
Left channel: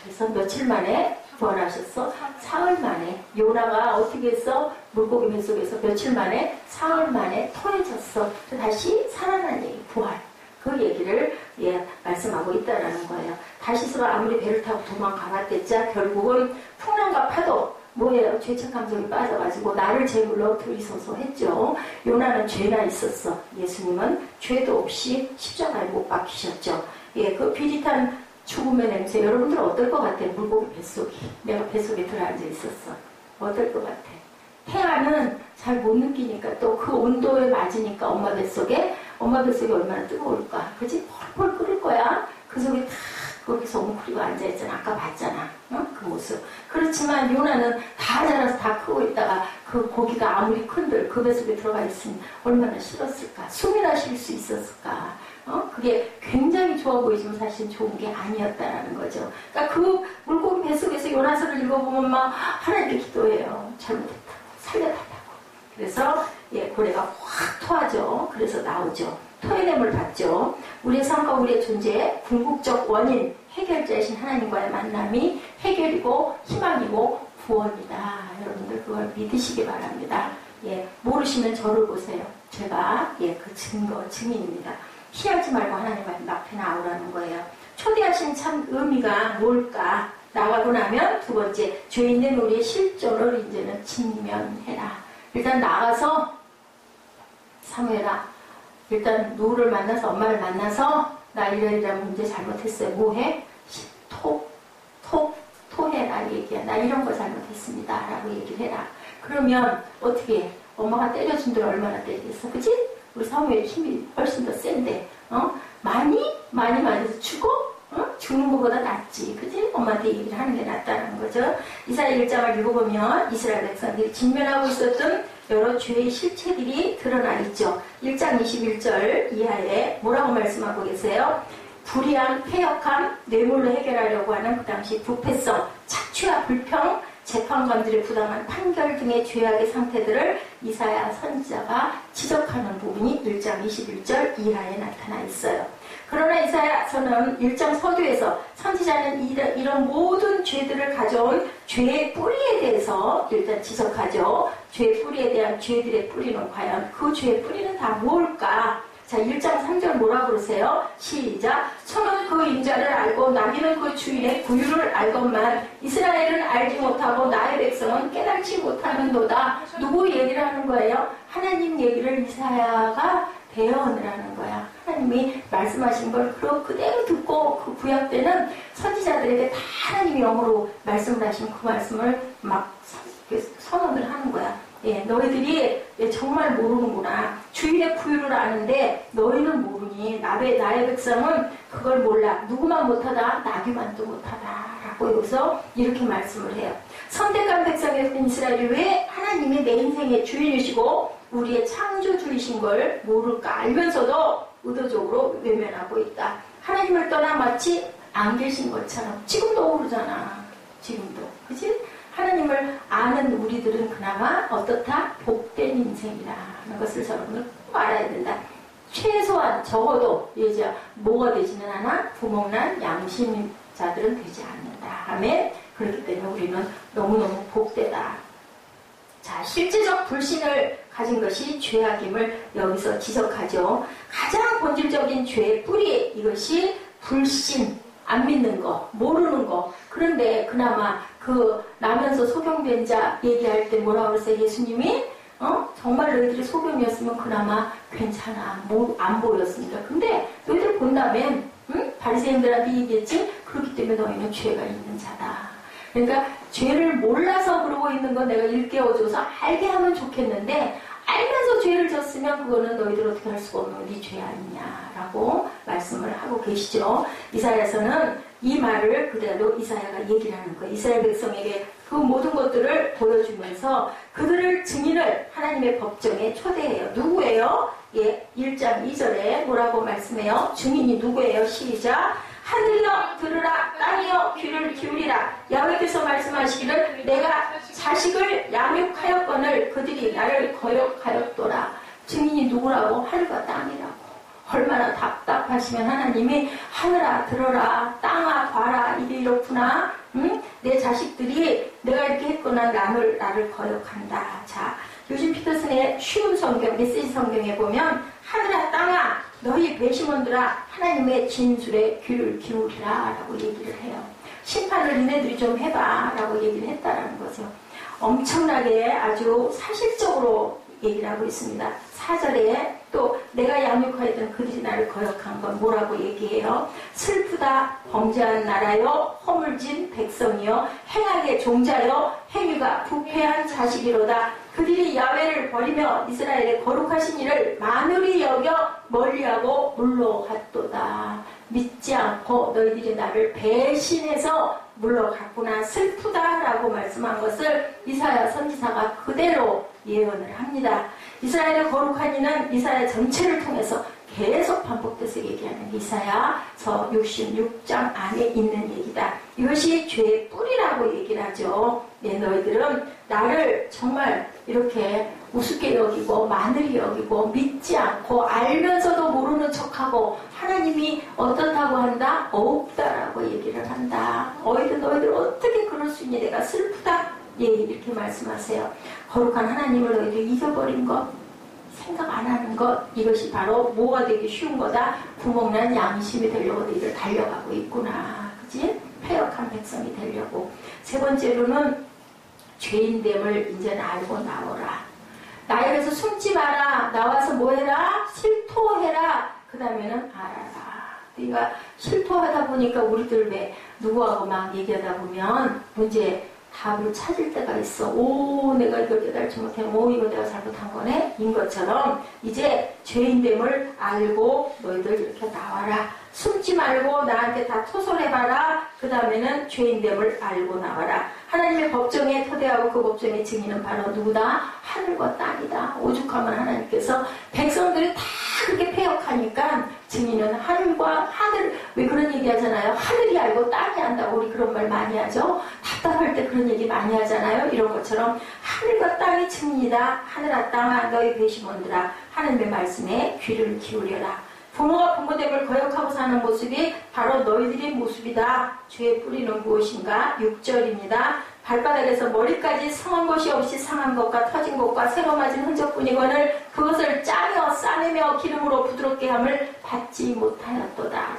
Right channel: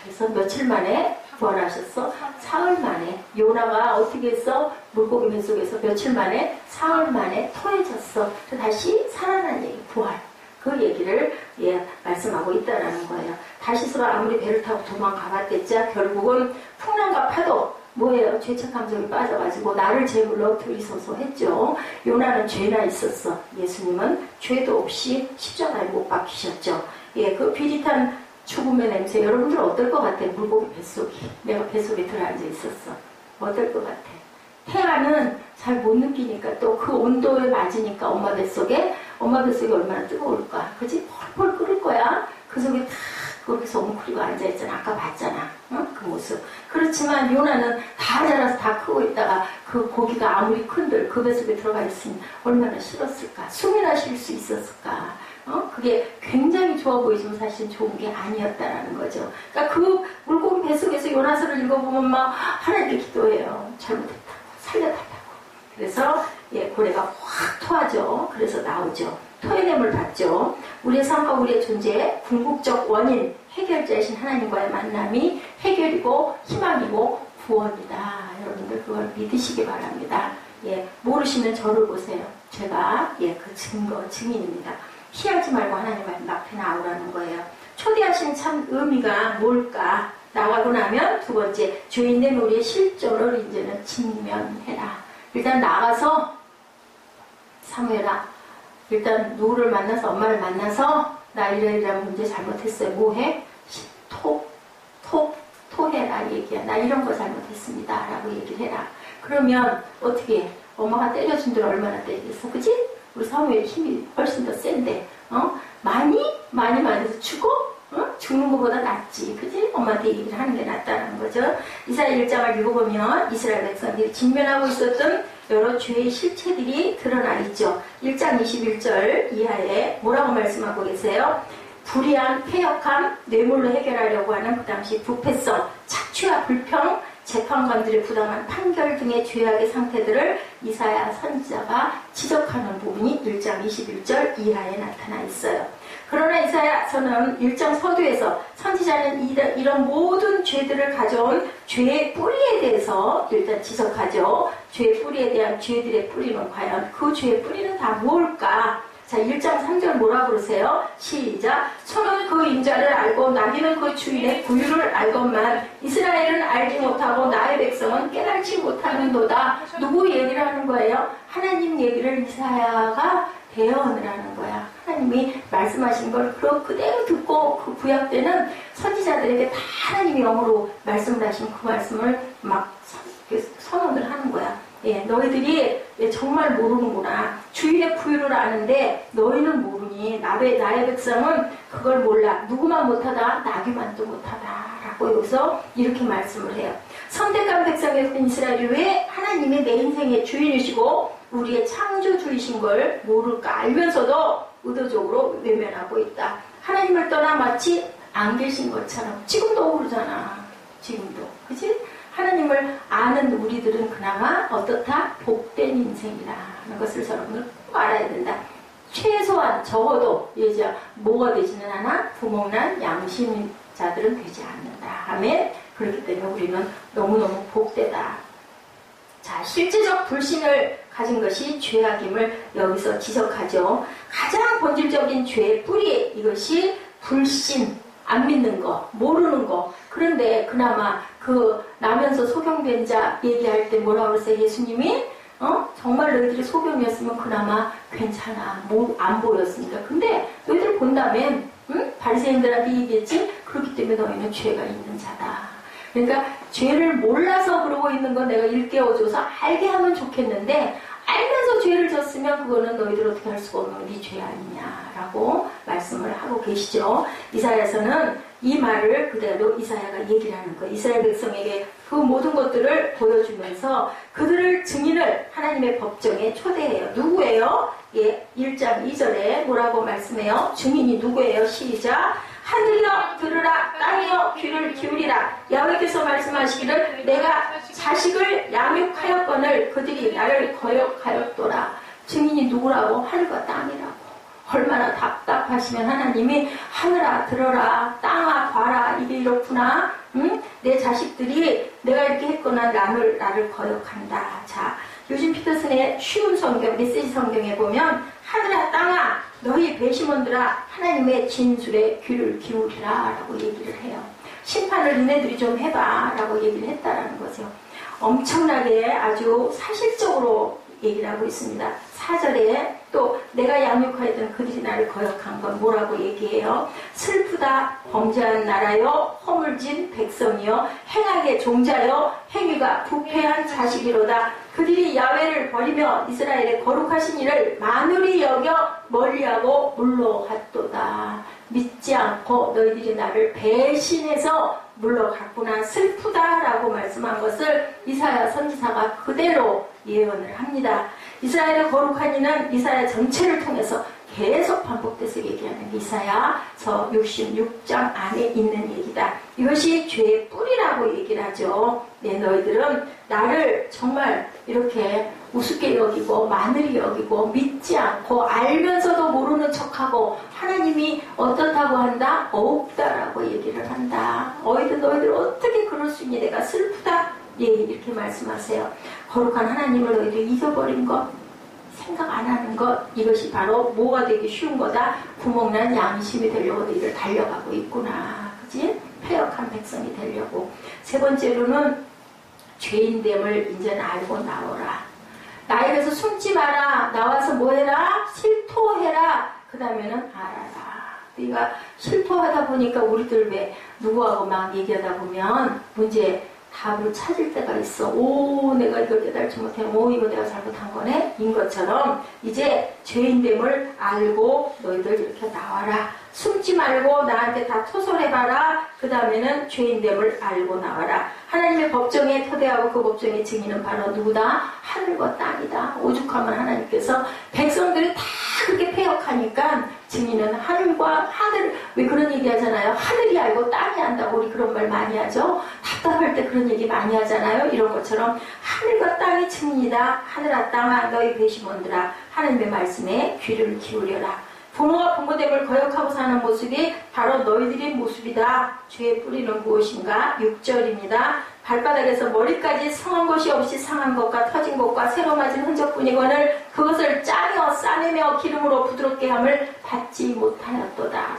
그래서 며칠 만에 부활하셨어? 사흘 만에. 요나가 어떻게 했어? 물고기 뱃속에서 며칠 만에? 사흘 만에 토해졌어. 다시 살아난 얘기, 부활. 그 얘기를 말씀하고 있다라는 거예요. 다시스로 아무리 배를 타고 도망가봤댔자 결국은 풍랑과 파도, 뭐예요? 죄책 감정이 빠져가지고 나를 제물로 들이서서 했죠. 요나는 죄나 있었어. 예수님은 죄도 없이 십자가에 못 박히셨죠. 그 비릿한 죽음의 냄새, 여러분들 어떨 것 같아요? 물고기 뱃속이. 내가 뱃속에 들어앉아 있었어. 어떨 것 같아? 태아는 잘 못 느끼니까 또 그 온도에 맞으니까 엄마 뱃속에 얼마나 뜨거울까. 그치? 펄펄 끓을 거야. 그 속에 탁 거기서 웅크리고 앉아있잖아. 아까 봤잖아. 그 모습. 그렇지만 요나는 다 자라서 다 크고 있다가 그 고기가 아무리 큰들 그 뱃속에 들어가 있으면 얼마나 싫었을까. 숨이나 쉴 수 있었을까. 그게 굉장히 좋아 보이지만 사실 좋은 게 아니었다라는 거죠. 그러니까 그 물고기 뱃속에서 요나서를 읽어보면 막 하나님께 기도해요. 잘못했다고. 살려달라고. 그래서 고래가 확 토하죠. 그래서 나오죠. 토해냄을 받죠. 우리의 삶과 우리의 존재의 궁극적 원인, 해결자이신 하나님과의 만남이 해결이고 희망이고 구원이다. 여러분들 그걸 믿으시기 바랍니다. 모르시면 저를 보세요. 제가 그 증인입니다. 피하지 말고 하나님 앞에 나오라는 거예요. 초대하신 참 의미가 뭘까? 나가고 나면 두 번째, 죄인된 우리의 실존을 이제는 직면해라. 일단 나가서 사무엘아, 일단 누구를 만나서 엄마를 만나서 나 이런 문제 잘못했어요. 뭐해? 토해라 얘기야. 나 이런 거 잘못했습니다. 라고 얘기를 해라. 그러면 어떻게 해? 엄마가 때려준 들 얼마나 때리겠어? 그치? 우리 사무엘 힘이 훨씬 더 센데 많이 맞아서 죽어? 죽는 것보다 낫지. 그치? 엄마한테 얘기를 하는 게 낫다는 거죠. 이사야 1장을 읽어보면 이스라엘 백성들이 직면하고 있었던 여러 죄의 실체들이 드러나 있죠. 1장 21절 이하에 뭐라고 말씀하고 계세요? 불의한, 폐역함, 뇌물로 해결하려고 하는 그 당시 부패성, 착취와 불평, 재판관들의 부당한 판결 등의 죄악의 상태들을 이사야 선지자가 지적하는 부분이 1장 21절 이하에 나타나 있어요. 그러나 이사야서는 1장 서두에서 선지자는 이런 모든 죄들을 가져온 죄의 뿌리에 대해서 일단 지적하죠. 죄의 뿌리에 대한 죄들의 뿌리는 과연 그 죄의 뿌리는 다 뭘까? 자, 1장 3절 뭐라 그러세요? 시작. 소는 그 인자를 알고 나귀는 그 주인의 부유를 알건만 이스라엘은 알지 못하고 나의 백성은 깨닫지 못하는도다. 누구 얘기를 하는 거예요? 하나님 얘기를 이사야가 대언을 거야. 하나님이 말씀하신 걸 그대로 듣고 그 구약 때는 선지자들에게 다 하나님이 영어로 말씀을 하신 그 말씀을 막 선언을 하는 거야. 너희들이 정말 모르는구나. 주일의 부유를 아는데 너희는 모르니 나의 백성은 그걸 몰라. 누구만 못하다? 나귀만도 못하다. 라고 여기서 이렇게 말씀을 해요. 선택한 백성이었던 이스라엘이 왜 하나님이 내 인생의 주인이시고 우리의 창조주이신 걸 모를까 알면서도 의도적으로 외면하고 있다. 하나님을 떠나 마치 안 계신 것처럼 지금도 그러잖아. 지금도. 그치? 하나님을 아는 우리들은 그나마 어떻다? 복된 인생이다 하는 것을 여러분은 꼭 알아야 된다. 최소한 적어도 이제 뭐가 되지는 않아? 구멍난 양심자들은 되지 않는다. 아멘. 그렇기 때문에 우리는 너무너무 복되다. 자, 실제적 불신을 가진 것이 죄악임을 여기서 지적하죠. 가장 본질적인 죄의 뿌리, 이것이 불신, 안 믿는 거, 모르는 거. 그런데 그나마 그 나면서 소경된 자 얘기할 때 뭐라고 그랬어요? 예수님이 정말 너희들이 소경이었으면 그나마 괜찮아. 안 보였으니까. 근데 너희들 본다면 바리새인들한테 얘기했지? 그렇기 때문에 너희는 죄가 있는 자다. 그러니까 죄를 몰라서 그러고 있는 건 내가 일깨워줘서 알게 하면 좋겠는데 알면서 죄를 졌으면 그거는 너희들 어떻게 할 수가 없는 네 죄 아니냐라고 말씀을 하고 계시죠. 이사야서는 이 말을 그대로 이사야가 얘기를 하는 거예요. 이스라엘 백성에게 그 모든 것들을 보여주면서 그들을 증인을 하나님의 법정에 초대해요. 누구예요? 예, 1장 2절에 뭐라고 말씀해요? 증인이 누구예요? 시작. 하늘이여 들으라, 땅이여 귀를 기울이라. 야훼께서 말씀하시기를 내가 자식을 양육하였거늘 그들이 나를 거역하였도다. 증인이 누구라고? 하늘과 땅이라고. 얼마나 답답하시면 하나님이 하늘아 들어라, 땅아 봐라, 이게 이렇구나. 내 자식들이 내가 이렇게 했거나 나를 거역한다. 자, 요즘 피터슨의 쉬운 성경, 메시지 성경에 보면 하늘아 땅아 너희 배심원들아 하나님의 진술에 귀를 기울이라 라고 얘기를 해요. 심판을 니네들이 좀 해봐 라고 얘기를 했다라는 거죠. 엄청나게 아주 사실적으로 얘기를 하고 있습니다. 4절에 또 내가 양육하였던 그들이 나를 거역한 건 뭐라고 얘기해요? 슬프다 범죄한 나라여 허물진 백성이여 행악의 종자여 행위가 부패한 자식이로다. 그들이 야훼를 버리며 이스라엘의 거룩하신 이를 만울히 여겨 멀리하고 물러갔도다. 믿지 않고 너희들이 나를 배신해서 물러갔구나. 슬프다라고 말씀한 것을 이사야 선지사가 그대로 예언을 합니다. 이스라엘의 거룩한 이는 이사야 전체를 통해서 계속 반복돼서 얘기하는 이사야서 66장 안에 있는 얘기다. 이것이 죄의 뿌리라고 얘기를 하죠. 네, 너희들은 나를 정말 이렇게 우습게 여기고 마늘이 여기고 믿지 않고 알면서도 모르는 척하고 하나님이 어떻다고 한다? 없다라고 얘기를 한다. 너희들 어떻게 그럴 수 있니? 내가 슬프다. 예, 이렇게 말씀하세요. 거룩한 하나님을 너희들 잊어버린 것, 생각 안 하는 것, 이것이 바로 뭐가 되기 쉬운 거다? 구멍난 양심이 되려고 너희들 달려가고 있구나. 그치? 패역한 백성이 되려고. 세 번째로는 죄인됨을 이제는 알고 나오라. 나에게서 숨지 마라. 나와서 뭐 해라? 실토해라. 그 다음에는 알아라. 네가 실토하다 보니까 우리들 왜 누구하고 막 얘기하다 보면 문제 답을 찾을 때가 있어. 오, 내가 이걸 깨달지 못해. 오, 이거 내가 잘못한 거네. 인 것처럼 이제 죄인됨을 알고 너희들 이렇게 나와라. 숨지 말고 나한테 다 토설해봐라. 그 다음에는 죄인됨을 알고 나와라. 하나님의 법정에 토대하고 그 법정의 증인은 바로 누구다? 하늘과 땅이다. 오죽하면 하나님께서 백성들이 다 그렇게 패역하니까 증인은 하늘과 하늘. 왜 그런 얘기 하잖아요. 하늘이 알고 땅이 안다고 우리 그런 말 많이 하죠. 답답할 때 그런 얘기 많이 하잖아요. 이런 것처럼 하늘과 땅이 증인이다. 하늘아 땅아 너희 배심원들아 하나님의 말씀에 귀를 기울여라. 부모가 부모됨을 거역하고 사는 모습이 바로 너희들의 모습이다. 죄의 뿌리는 무엇인가? 6절입니다. 발바닥에서 머리까지 상한 것이 없이 상한 것과 터진 것과 새로 맞은 흔적뿐이거늘 그것을 짜며 싸내며 기름으로 부드럽게 함을 받지 못하였도다. 다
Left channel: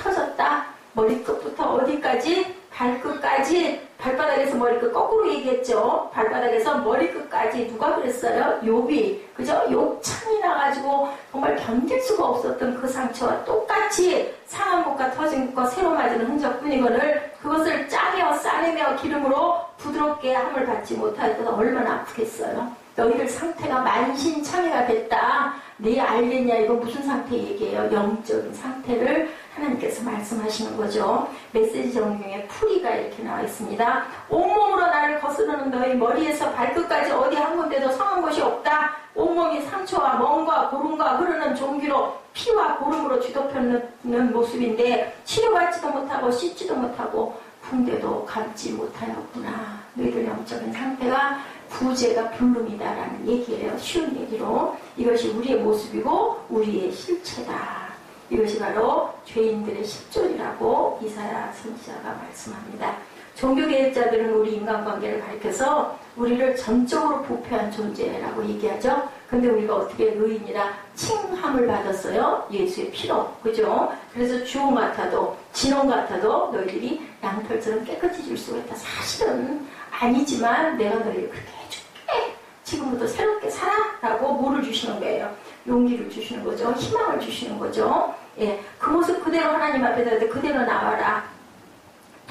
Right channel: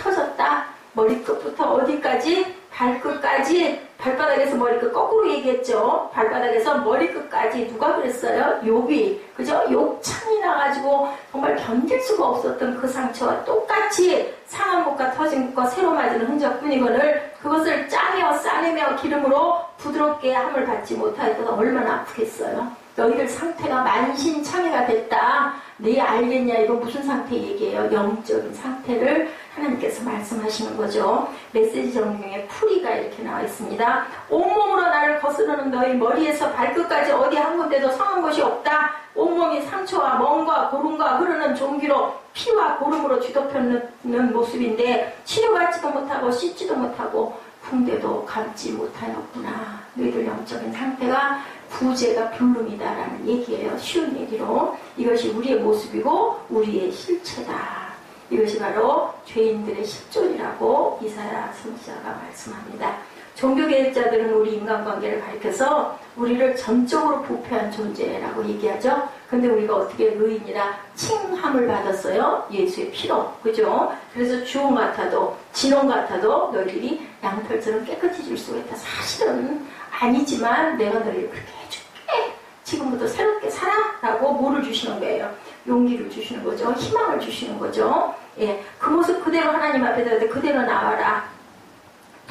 터졌다. 머리끝부터 어디까지? 발끝까지. 발바닥에서 머리끝 거꾸로 얘기했죠. 발바닥에서 머리끝까지. 누가 그랬어요? 욥이. 그죠? 욕창이 나가지고 정말 견딜 수가 없었던 그 상처와 똑같이 상한 것과 터진 것과 새로 맞은 흔적뿐이거늘 그것을 짜며 싸내며 기름으로 부드럽게 함을 받지 못하였다. 얼마나 아프겠어요. 너희들 상태가 만신창이가 됐다. 네 알겠냐? 이거 무슨 상태 얘기예요? 영적인 상태를 하나님께서 말씀하시는 거죠. 메시지 성경에 풀이가 이렇게 나와 있습니다. 온몸으로 나를 거스르는 너희 머리에서 발끝까지 어디 한 군데도 상한 것이 없다. 온몸 온몸이 상처와 멍과 고름과 흐르는 종기로 피와 고름으로 뒤덮여있는 모습인데 치료받지도 못하고 씻지도 못하고 붕대도 감지 못하였구나. 너희들 영적인 상태가 부재가 불능이다라는 얘기예요. 쉬운 얘기로. 이것이 우리의 모습이고 우리의 실체다. 이것이 바로 죄인들의 실존이라고 이사야 선지자가 말씀합니다. 종교개혁자들은 우리 인간관계를 가리켜서 우리를 전적으로 부패한 존재라고 얘기하죠. 근데 우리가 어떻게 의인이라 칭함을 받았어요. 예수의 피로. 그죠? 그래서 주홍 같아도 진홍 같아도 너희들이 양털처럼 깨끗해질 수가 있다. 사실은 아니지만 내가 너희를 그렇게 해줄게. 지금부터 새롭게 살아. 라고 뭐를 주시는 거예요? 용기를 주시는 거죠. 희망을 주시는 거죠. 예, 그 모습 그대로 하나님 앞에 대할 때 그대로 나와라.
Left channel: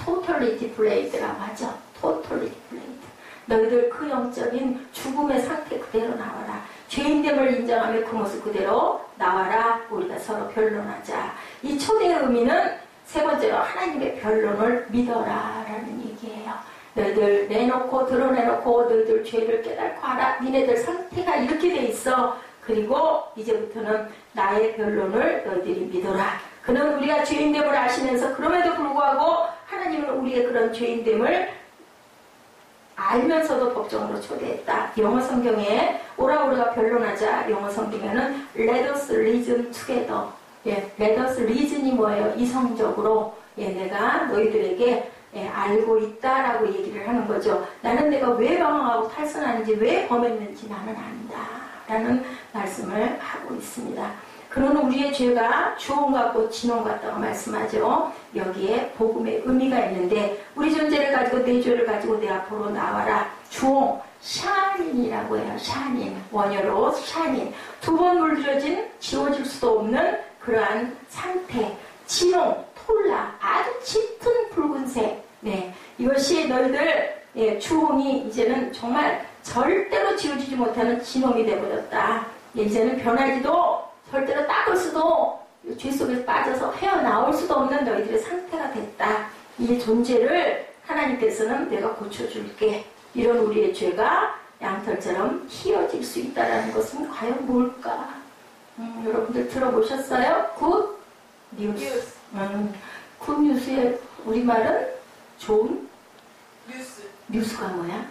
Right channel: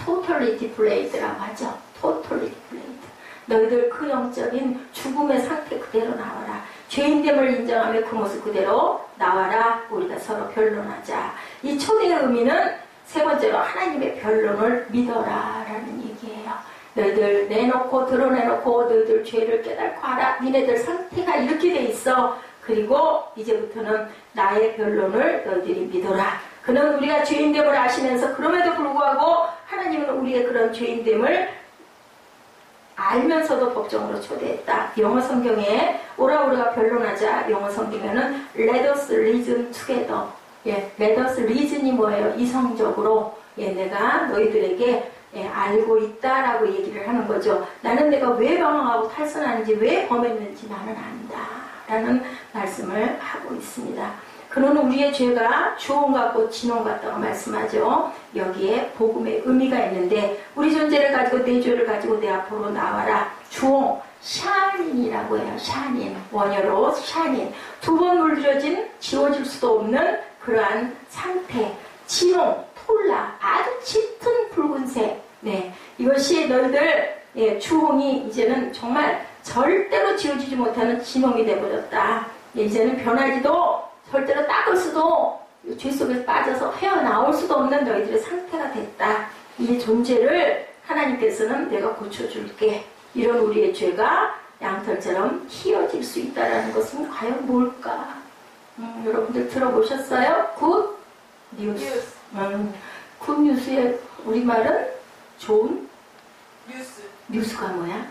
totally displayed라고 하죠. totally displayed. 너희들 그 영적인 죽음의 상태 그대로 나와라. 죄인됨을 인정하며 그 모습 그대로 나와라. 우리가 서로 변론하자. 이 초대의 의미는 세 번째로 하나님의 변론을 믿어라 라는 얘기예요. 너희들 내놓고 드러내놓고 너희들 죄를 깨닫고 알아. 니네들 상태가 이렇게 돼 있어. 그리고 이제부터는 나의 변론을 너희들이 믿어라. 그는 우리가 죄인됨을 아시면서 그럼에도 불구하고 하나님은 우리의 그런 죄인됨을 알면서도 법정으로 초대했다. 영어 성경에 오라 우리가 변론하자. 영어 성경에는 Let us reason together. 예, Let us reason이 뭐예요? 이성적으로 내가 너희들에게 알고 있다라고 얘기를 하는 거죠. 나는 내가 왜 방황하고 탈선하는지 왜 범했는지 나는 안다 라는 말씀을 하고 있습니다. 그는 우리의 죄가 주홍 같고 진홍 같다고 말씀하죠. 여기에 복음의 의미가 있는데 우리 존재를 가지고 내 죄를 가지고 내 앞으로 나와라. 주홍, 샤닌이라고 해요. 샤닌, 원어로 샤닌. 두 번 물들여진 지워질 수도 없는 그러한 상태. 진홍, 톨라, 아주 짙은 붉은색. 네, 이것이 너희들 주홍이 이제는 정말 절대로 지워지지 못하는 진홍이 되어버렸다. 이제는 변하지도 절대로 닦을 수도 죄 속에서 빠져서 헤어나올 수도 없는 너희들의 상태가 됐다. 이 존재를 하나님께서는 내가 고쳐줄게. 이런 우리의 죄가 양털처럼 휘어질 수 있다는 것은 과연 뭘까? 여러분들 들어보셨어요? 굿 뉴스. 굿 뉴스의 우리말은 좋은 뉴스가 뭐야?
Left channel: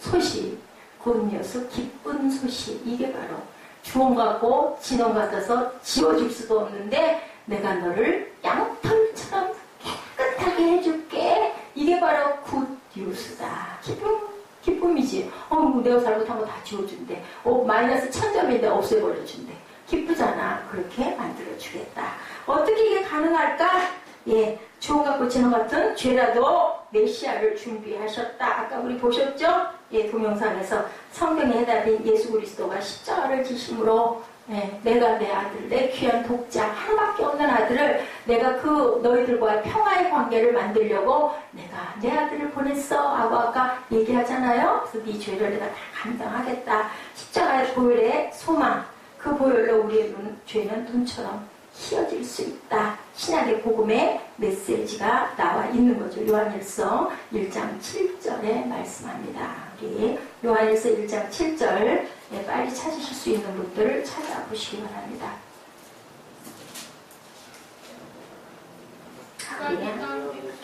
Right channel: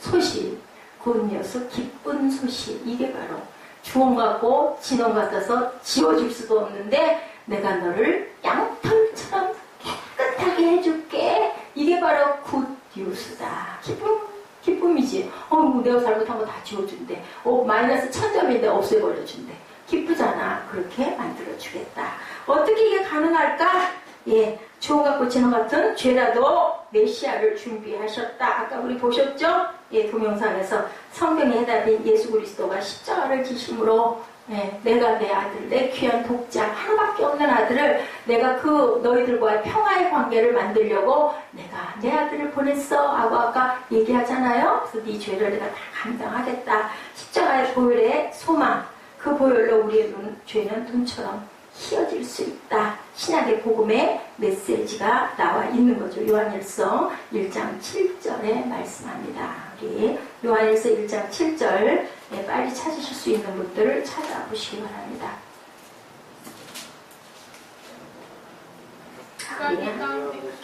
소식. 굿 뉴스, 기쁜 소식. 이게 바로 주홍 같고 진홍 같아서 지워질 수도 없는데 내가 너를 양털처럼 깨끗하게 해줄게. 이게 바로 굿 뉴스다. 기쁨이지. 내가 잘못한 거 다 지워준대. 마이너스 1000점인데 없애버려준대. 기쁘잖아. 그렇게 만들어주겠다. 어떻게 이게 가능할까? 주홍 같고 진홍 같은 죄라도 메시아를 준비하셨다. 아까 우리 보셨죠? 동영상에서 성경의 해답인 예수 그리스도가 십자가를 지심으로 내가 내 아들, 내 귀한 독자, 하나밖에 없는 아들을 내가 그 너희들과의 평화의 관계를 만들려고 내가 내 아들을 보냈어 하고 아까 얘기하잖아요. 그래서 네 죄를 내가 다 감당하겠다. 십자가의 보혈의 소망, 그 보혈로 우리의 죄는 눈처럼 휘어질 수 있다. 신약의 복음의 메시지가 나와 있는 거죠. 요한일서 1장 7절에 말씀합니다. 우리 요한일서 1장 7절 빨리 찾으실 수 있는 분들을 찾아보시기 바랍니다.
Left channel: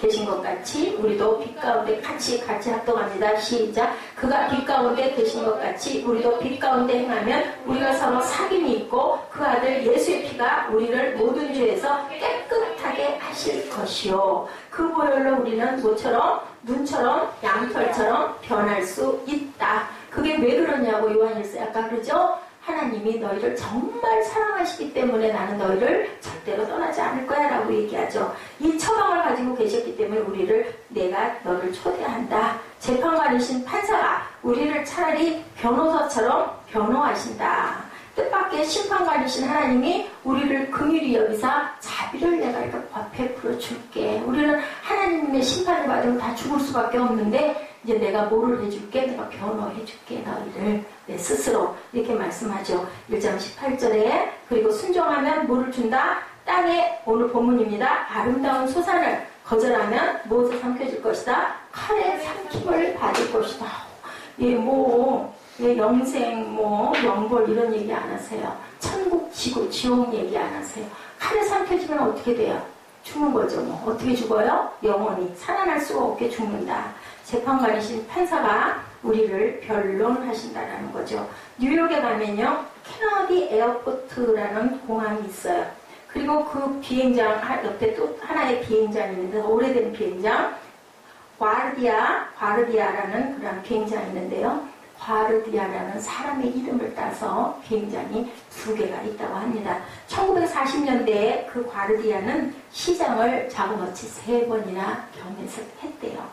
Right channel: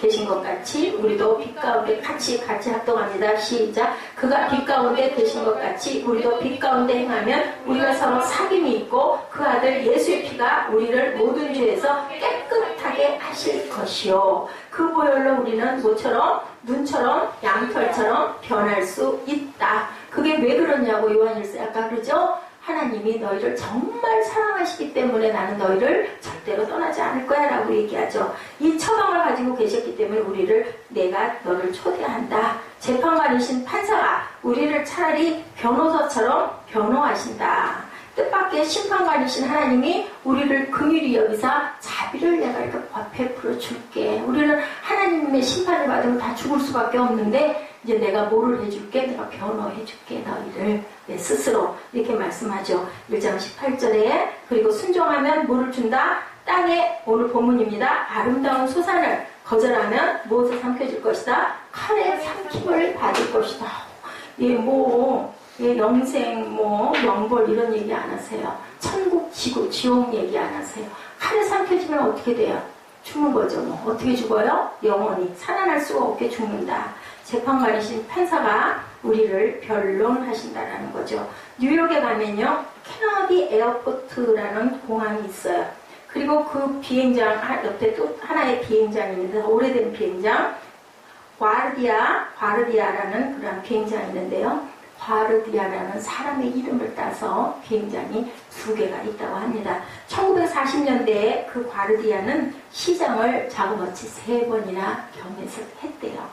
계신 것 같이 우리도 빛 가운데 같이 합동합니다. 시작. 그가 빛 가운데 계신 것 같이 우리도 빛 가운데 행하면 우리가 서로 사귐이 있고 그 아들 예수의 피가 우리를 모든 죄에서 깨끗하게 하실 것이요. 그 보혈로 우리는 뭐처럼? 눈처럼 양털처럼 변할 수 있다. 그게 왜 그러냐고 요한일서 아까 그러죠? 하나님이 너희를 정말 사랑하시기 때문에 나는 너희를 절대로 떠나지 않을 거야 라고 얘기하죠. 이 처방을 가지고 계셨기 때문에 내가 너를 초대한다. 재판관이신 판사가 우리를 차라리 변호사처럼 변호하신다. 뜻밖의 심판관이신 하나님이 우리를 긍휼히 여기사 자비를 내가 이렇게 베풀어 줄게. 우리는 하나님의 심판을 받으면 다 죽을 수밖에 없는데 이제 내가 뭐를 해줄게? 내가 변호해줄게 너희를. 스스로 이렇게 말씀하죠. 1장 18절에 그리고 순종하면 뭐를 준다? 땅에 오늘 본문입니다. 아름다운 소산을 거절하면 무엇을 삼켜줄 것이다? 칼에 삼킴을 받을 것이다. 예, 영생, 뭐, 영벌 이런 얘기 안 하세요. 천국, 지구, 지옥 얘기 안 하세요. 칼에 삼켜지면 어떻게 돼요? 죽는 거죠. 뭐. 어떻게 죽어요? 영원히. 살아날 수가 없게 죽는다. 재판관이신 판사가 우리를 변론하신다라는 거죠. 뉴욕에 가면요, 케너디 에어포트라는 공항이 있어요. 그리고 그 비행장 옆에 또 하나의 비행장이 있는데 오래된 비행장, 과르디아라는 그런 비행장이 있는데요. 과르디아라는 사람의 이름을 따서 비행장이 2개가 있다고 합니다. 1940년대에 그 과르디아는 시장을 자그마치 3번이나 경했대요.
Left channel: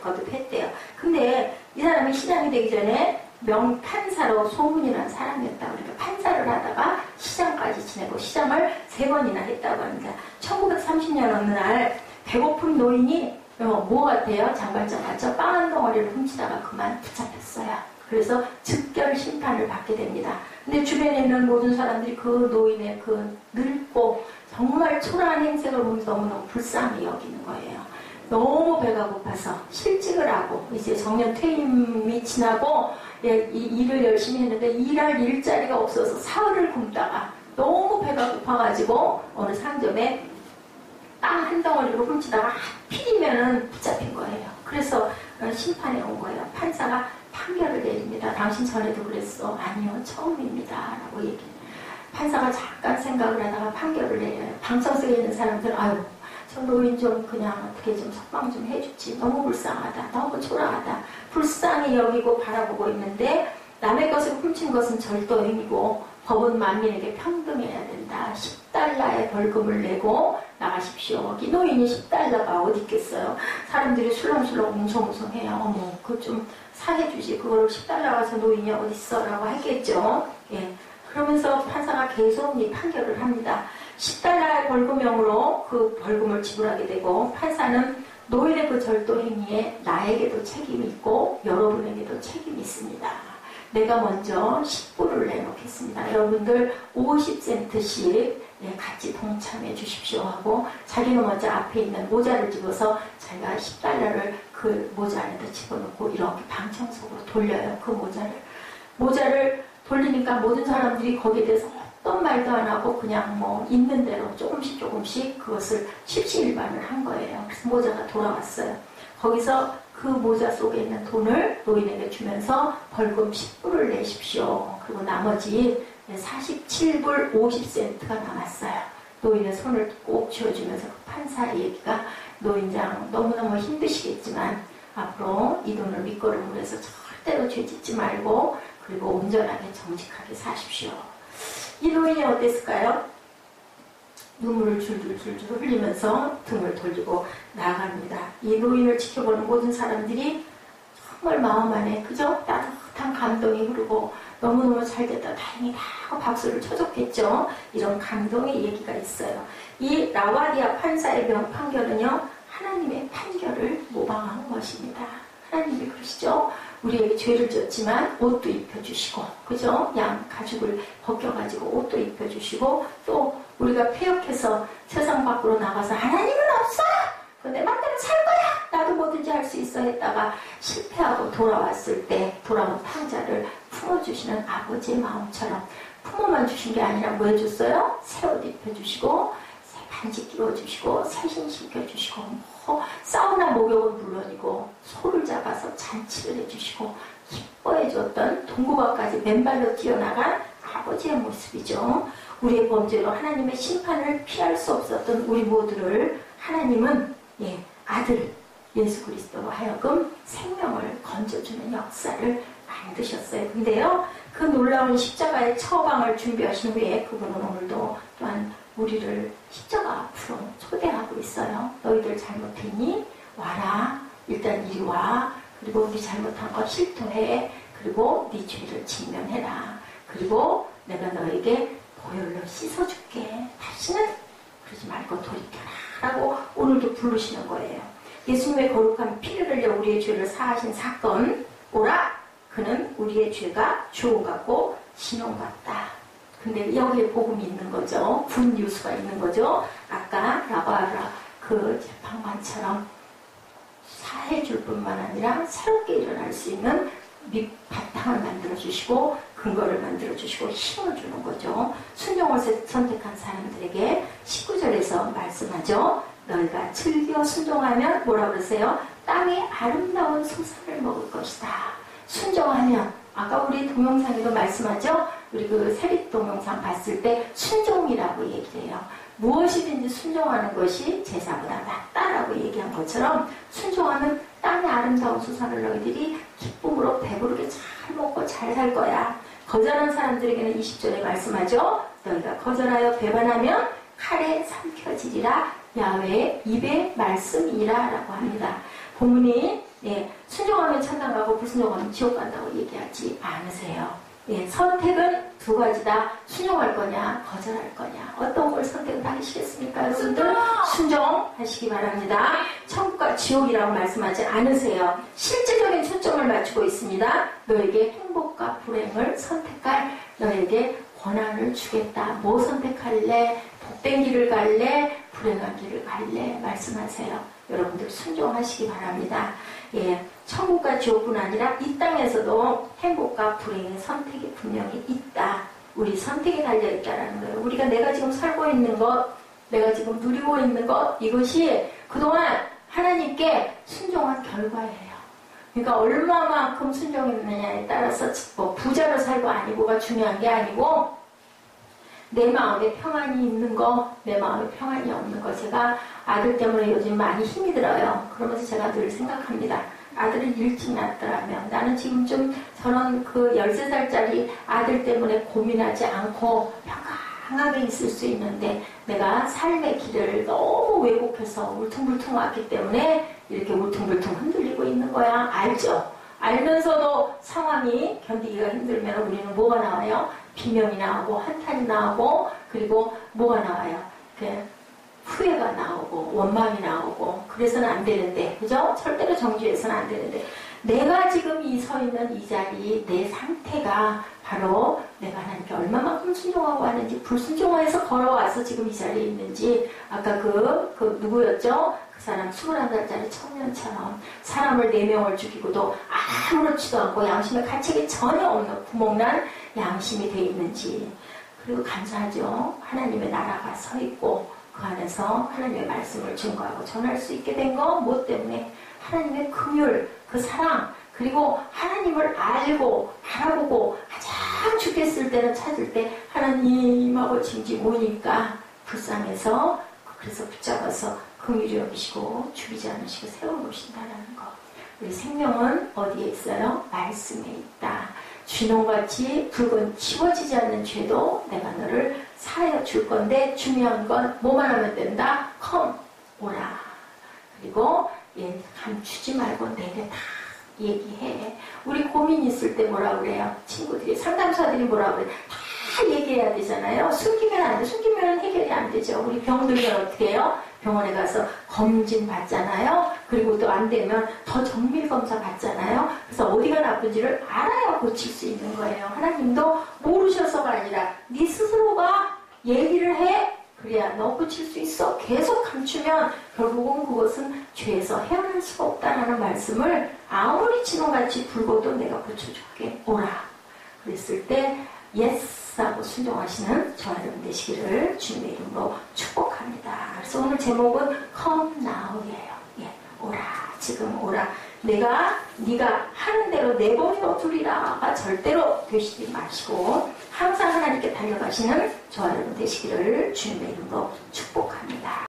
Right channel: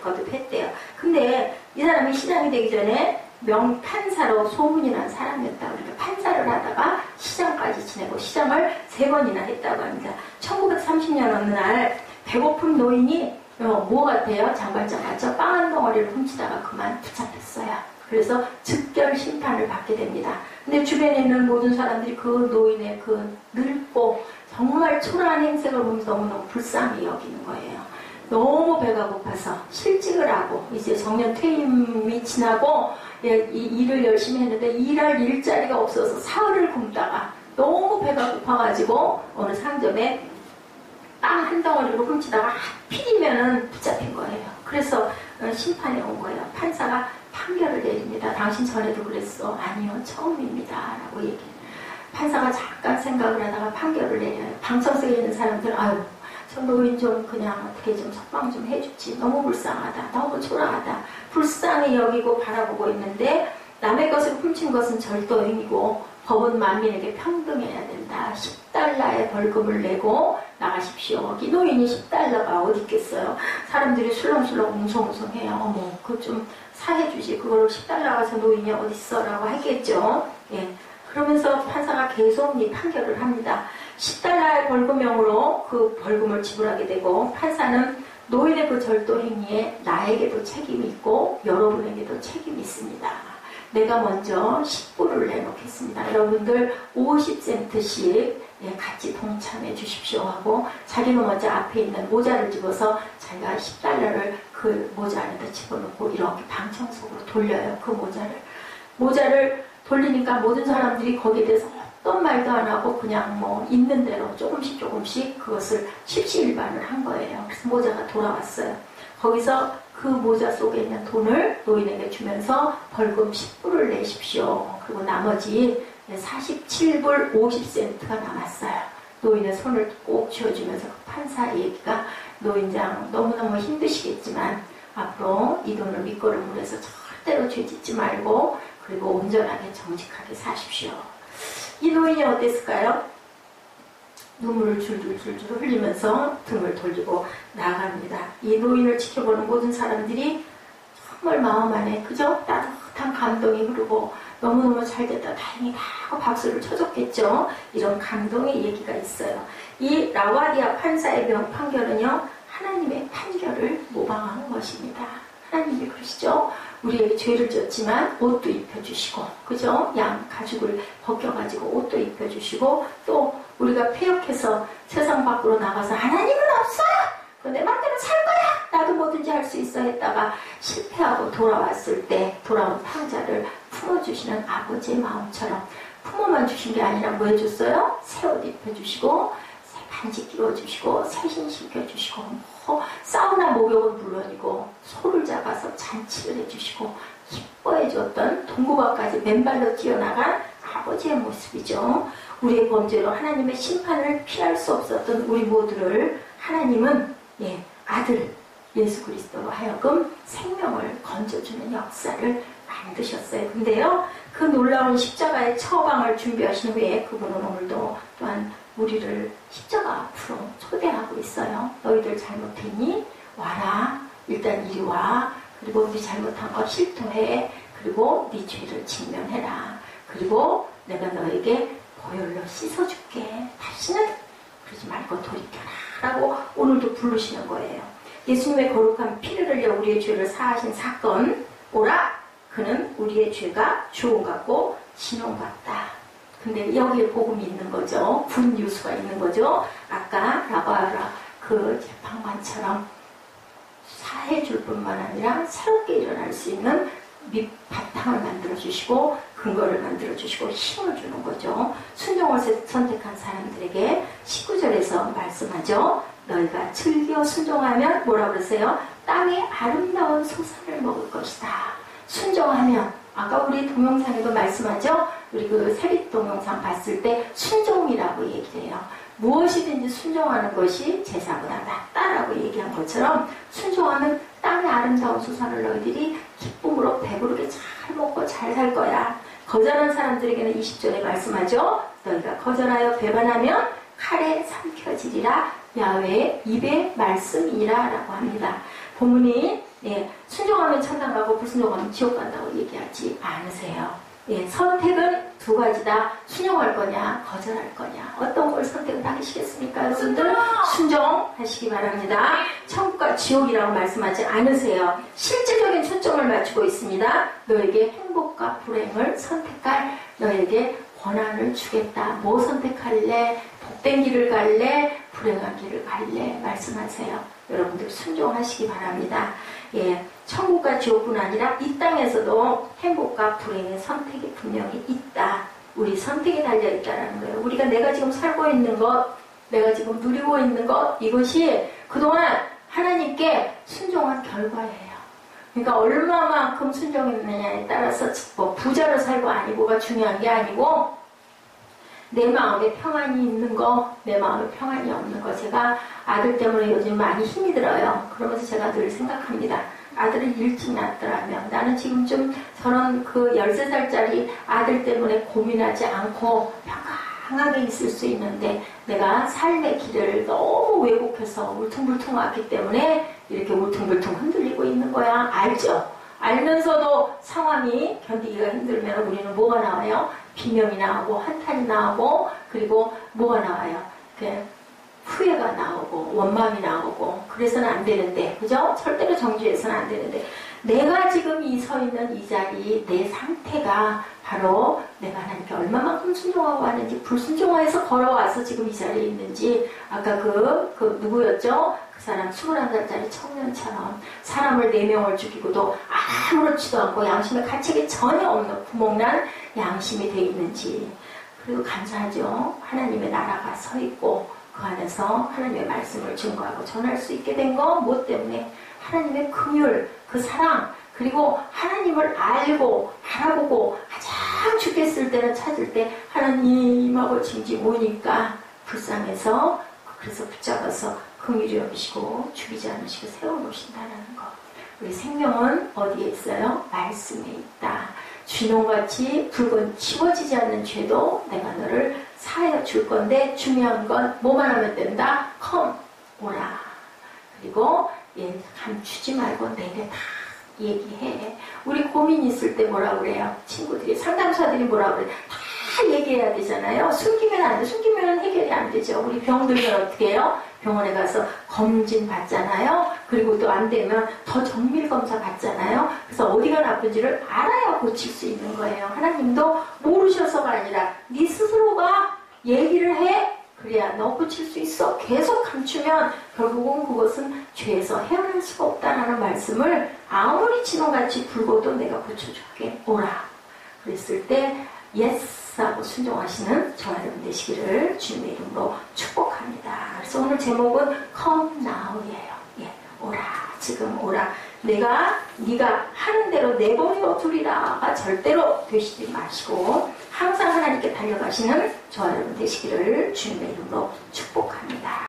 거듭 했대요. 근데 이 사람이 시장이 되기 전에 명판사로 소문이 난 사람이었다고. 그러니까 판사를 하다가 시장까지 지내고 시장을 3번이나 했다고 합니다. 1930년 어느 날 배고픈 노인이 뭐 같아요? 장발장 같죠? 빵 한 덩어리를 훔치다가 그만 붙잡혔어요. 그래서 즉결 심판을 받게 됩니다. 근데 주변에 있는 모든 사람들이 그 노인의 그 늙고 정말 초라한 행색을 보면서 너무너무 불쌍히 여기는 거예요. 너무 배가 고파서 실직을 하고 이제 정년 퇴임이 지나고 이 일을 열심히 했는데 일할 일자리가 없어서 사흘을 굶다가 너무 배가 고파가지고 어느 상점에 빵 한 덩어리로 훔치다가 하필이면은 붙잡힌 거예요. 그래서 심판에 온 거예요. 판사가 판결을 내립니다. 당신 전에도 그랬어. 아니요, 처음입니다. 라고 얘기해요. 판사가 잠깐 생각을 하다가 판결을 내려요. 방청석에 있는 사람들, 아유, 저 노인 좀 그냥 어떻게 좀 석방 좀 해주지. 너무 불쌍하다. 너무 초라하다. 불쌍히 여기고 바라보고 있는데 남의 것을 훔친 것은 절도행위고 법은 만민에게 평등해야 된다. 10달러의 벌금을 내고 나가십시오. 이 노인이 10달러가 어디 있겠어요. 사람들이 술렁술렁 웅성웅성해요. 어머, 그거 좀 사해주지. 그걸 10달러 가서 노인이 어딨어? 라고 했겠죠. 예. 그러면서 판사가 계속 이 판결을 합니다. 10달러의 벌금형으로 그 벌금을 지불하게 되고 판사는 노인의 그 절도 행위에 나에게도 책임이 있고 여러분에게도 책임이 있습니다. 내가 먼저 10불을 내놓겠습니다. 여러분들 50센트씩 같이 동참해 주십시오 하고 자기는 먼저 앞에 있는 모자를 집어서 자기가 10달러를 그 모자 안에다 집어넣고 이렇게 방청석으로 돌려요. 그 모자를 돌리니까 모든 사람들이 거기에 대해서 어떤 말도 안 하고 그냥 뭐 있는 대로 조금씩 그것을 십시일반을 한 거예요. 그래서 모자가 돌아왔어요. 거기서 그 모자 속에 있는 돈을 노인에게 주면서 벌금 10불을 내십시오. 그리고 나머지 47불 50센트가 남았어요. 노인의 손을 꼭 쥐어주면서 그 판사의 얘기가 노인장 너무너무 힘드시겠지만 앞으로 이 돈을 밑거름으로 해서 절대로 죄짓지 말고 그리고 온전하게 정직하게 사십시오. 이 노인이 어땠을까요? 눈물을 줄줄 흘리면서 등을 돌리고 나갑니다. 이 노인을 지켜보는 모든 사람들이 정말 마음 안에 그저 따뜻한 감동이 흐르고 너무너무 잘됐다 다행이다 하고 박수를 쳐줬겠죠. 이런 감동의 얘기가 있어요. 이 라와디아 판사의 판결은요 하나님의 판결을 모방한 것입니다. 하나님이 그러시죠. 우리에게 죄를 졌지만 옷도 입혀주시고 그죠? 양 가죽을 벗겨가지고 옷도 입혀주시고 또 우리가 폐역해서 세상 밖으로 나가서 하나님은 없어! 내 맘대로 살 거야! 나도 뭐든지 할 수 있어 했다가 실패하고 돌아왔을 때 돌아온 탕자를 품어주시는 아버지의 마음처럼 품어만 주신 게 아니라 뭐 해줬어요? 새 옷 입혀주시고 새 반지 끼워주시고 새신 시켜주시고 사우나 목욕은 물론이고 소를 잡아서 잔치를 해주시고 기뻐해줬던 동구바까지 맨발로 뛰어나간 아버지의 모습이죠. 우리의 범죄로 하나님의 심판을 피할 수 없었던 우리 모두를 하나님은 아들 예수 그리스도로 하여금 생명을 건져주는 역사를 만드셨어요. 근데요, 그 놀라운 십자가의 처방을 준비하신 후에 그분은 오늘도 또한 우리를 십자가 앞으로 초대하고 있어요. 너희들 잘못했니? 와라. 일단 이리 와. 그리고 네 잘못한 거 실토해. 그리고 네 죄를 직면해라. 그리고 내가 너에게 보혈로 씻어줄게. 다시는 그러지 말고 돌이켜라. 라고 오늘도 부르시는 거예요. 예수님의 거룩한 피를 흘려 우리의 죄를 사하신 사건. 오라. 그는 우리의 죄가 주홍 같고 진홍 같다. 근데 여기에 복음이 있는 거죠. 굿뉴스가 있는 거죠. 아까 라바라 그 재판관처럼 사해줄 뿐만 아니라 새롭게 일어날 수 있는 밑바탕을 만들어주시고 근거를 만들어주시고 힘을 주는 거죠. 순종을 선택한 사람들에게 19절에서 말씀하죠. 너희가 즐겨 순종하면 뭐라 그러세요? 땅의 아름다운 소산을 먹을 것이다. 순종하면 아까 우리 동영상에도 말씀하죠. 우리 그 세릿 동영상 봤을 때 순종이라고 얘기해요. 무엇이든지 순종하는 것이 제사보다 낫다라고 얘기한 것처럼 순종하면 땅의 아름다운 소산을 너희들이 기쁨으로 배부르게 잘 먹고 잘 살 거야. 거절한 사람들에게는 20절에 말씀하죠. 너희가 거절하여 배반하면 칼에 삼켜지리라. 야훼의 입의 말씀이라 라고 합니다. 본문이 순종하면 천당 가고 불순종하면 지옥 간다고 얘기하지 않으세요. 선택은 두 가지다. 순종할 거냐 거절할 거냐. 어떤 걸 선택을 하시겠습니까? 여러분들 순종하시기 바랍니다. 천국과 지옥이라고 말씀하지 않으세요. 실제적인 초점을 맞추고 있습니다. 너에게 행복과 불행을 선택할 너에게 권한을 주겠다. 뭐 선택할래? 복된 길을 갈래? 불행한 길을 갈래? 말씀하세요. 여러분들 순종하시기 바랍니다. 천국과 지옥뿐 아니라 이 땅에서도 행복과 불행의 선택이 분명히 있다. 우리 선택이 달려있다는 거예요. 우리가 내가 지금 살고 있는 것, 내가 지금 누리고 있는 것, 이것이 그동안 하나님께 순종한 결과예요. 그러니까 얼마만큼 순종했느냐에 따라서 뭐 부자로 살고 아니고가 중요한 게 아니고 내 마음에 평안이 있는 거, 내 마음에 평안이 없는 거. 제가 아들 때문에 요즘 많이 힘이 들어요. 그러면서 제가 늘 생각합니다. 아들을 일찍 낳았더라면 나는 지금 좀 저런 그 13살짜리 아들 때문에 고민하지 않고 평안하게 있을 수 있는데 내가 삶의 길을 너무 왜곡해서 울퉁불퉁 왔기 때문에 이렇게 울퉁불퉁 흔들리고 있는 거야. 알죠? 알면서도 상황이 견디기가 힘들면 우리는 뭐가 나와요? 비명이 나오고 한탄이 나오고 그리고 뭐가 나와요? 후회가 나오고 원망이 나오고 그래서는 안 되는데, 그죠? 절대로 정죄해서는 안 되는데 내가 지금 서 있는 이 자리 내 상태가 바로 내가 하나님께 얼마만큼 순종하고 왔는지, 불순종해서 걸어와서 지금 이 자리에 있는지. 아까 그 누구였죠? 그 사람 21살짜리 청년처럼 사람을 4명을 죽이고도 아무렇지도 않고 양심의 가책이 전혀 없는 구멍난 양심이 돼 있는지. 그리고 감사하죠. 하나님의 나라가 서 있고 그 안에서 하나님의 말씀을 증거하고 전할 수 있게 된 거 뭐 때문에? 하나님의 긍휼, 그 사랑, 그리고 하나님을 알고 알아보고 가장 죽겠을 때는 찾을 때 하나님하고 진지 모니까 불쌍해서 그래서 붙잡아서 긍휼히 여기시고 죽이지 않으시고 세워놓으신다는 거. 우리 생명은 어디에 있어요? 말씀에 있다. 쥐농같이 붉은 치워지지 않는 죄도 내가 너를 사하여 줄 건데 중요한 건 뭐만 하면 된다? 컴, 오라. 그리고 감추지 말고 내게 다 얘기해. 우리 고민 있을 때 뭐라 그래요? 친구들이, 상담사들이 뭐라 그래요? 다 얘기해야 되잖아요. 숨기면 안 돼. 숨기면 해결이 안 되죠. 우리 병 들면 어떻게 해요? 병원에 가서 검진 받잖아요. 그리고 또 안 되면 더 정밀 검사 받잖아요. 그래서 어디가 나쁜지를 알아야 고칠 수 있는 거예요. 하나님도 모르셔서가 아니라 네 스스로가 얘기를 해. 그래야 너 고칠 수 있어. 계속 감추면 결국은 그것은 죄에서 헤어날 수가 없다라는 말씀을 아무리 진홍같이 불고도 내가 고쳐줄게. 오라. 그랬을 때 예스 하고 순종하시는 저와 여러분 되시기를 주님의 이름으로 축복합니다. 그래서 오늘 제목은 Come Now이에요. 오라. 지금 오라. 네가 하는 대로 내버려 두리라가 절대로 되시지 마시고 항상 하나님께 달려가시는 저와 여러분 되시기를 주님의 이름으로 축복합니다.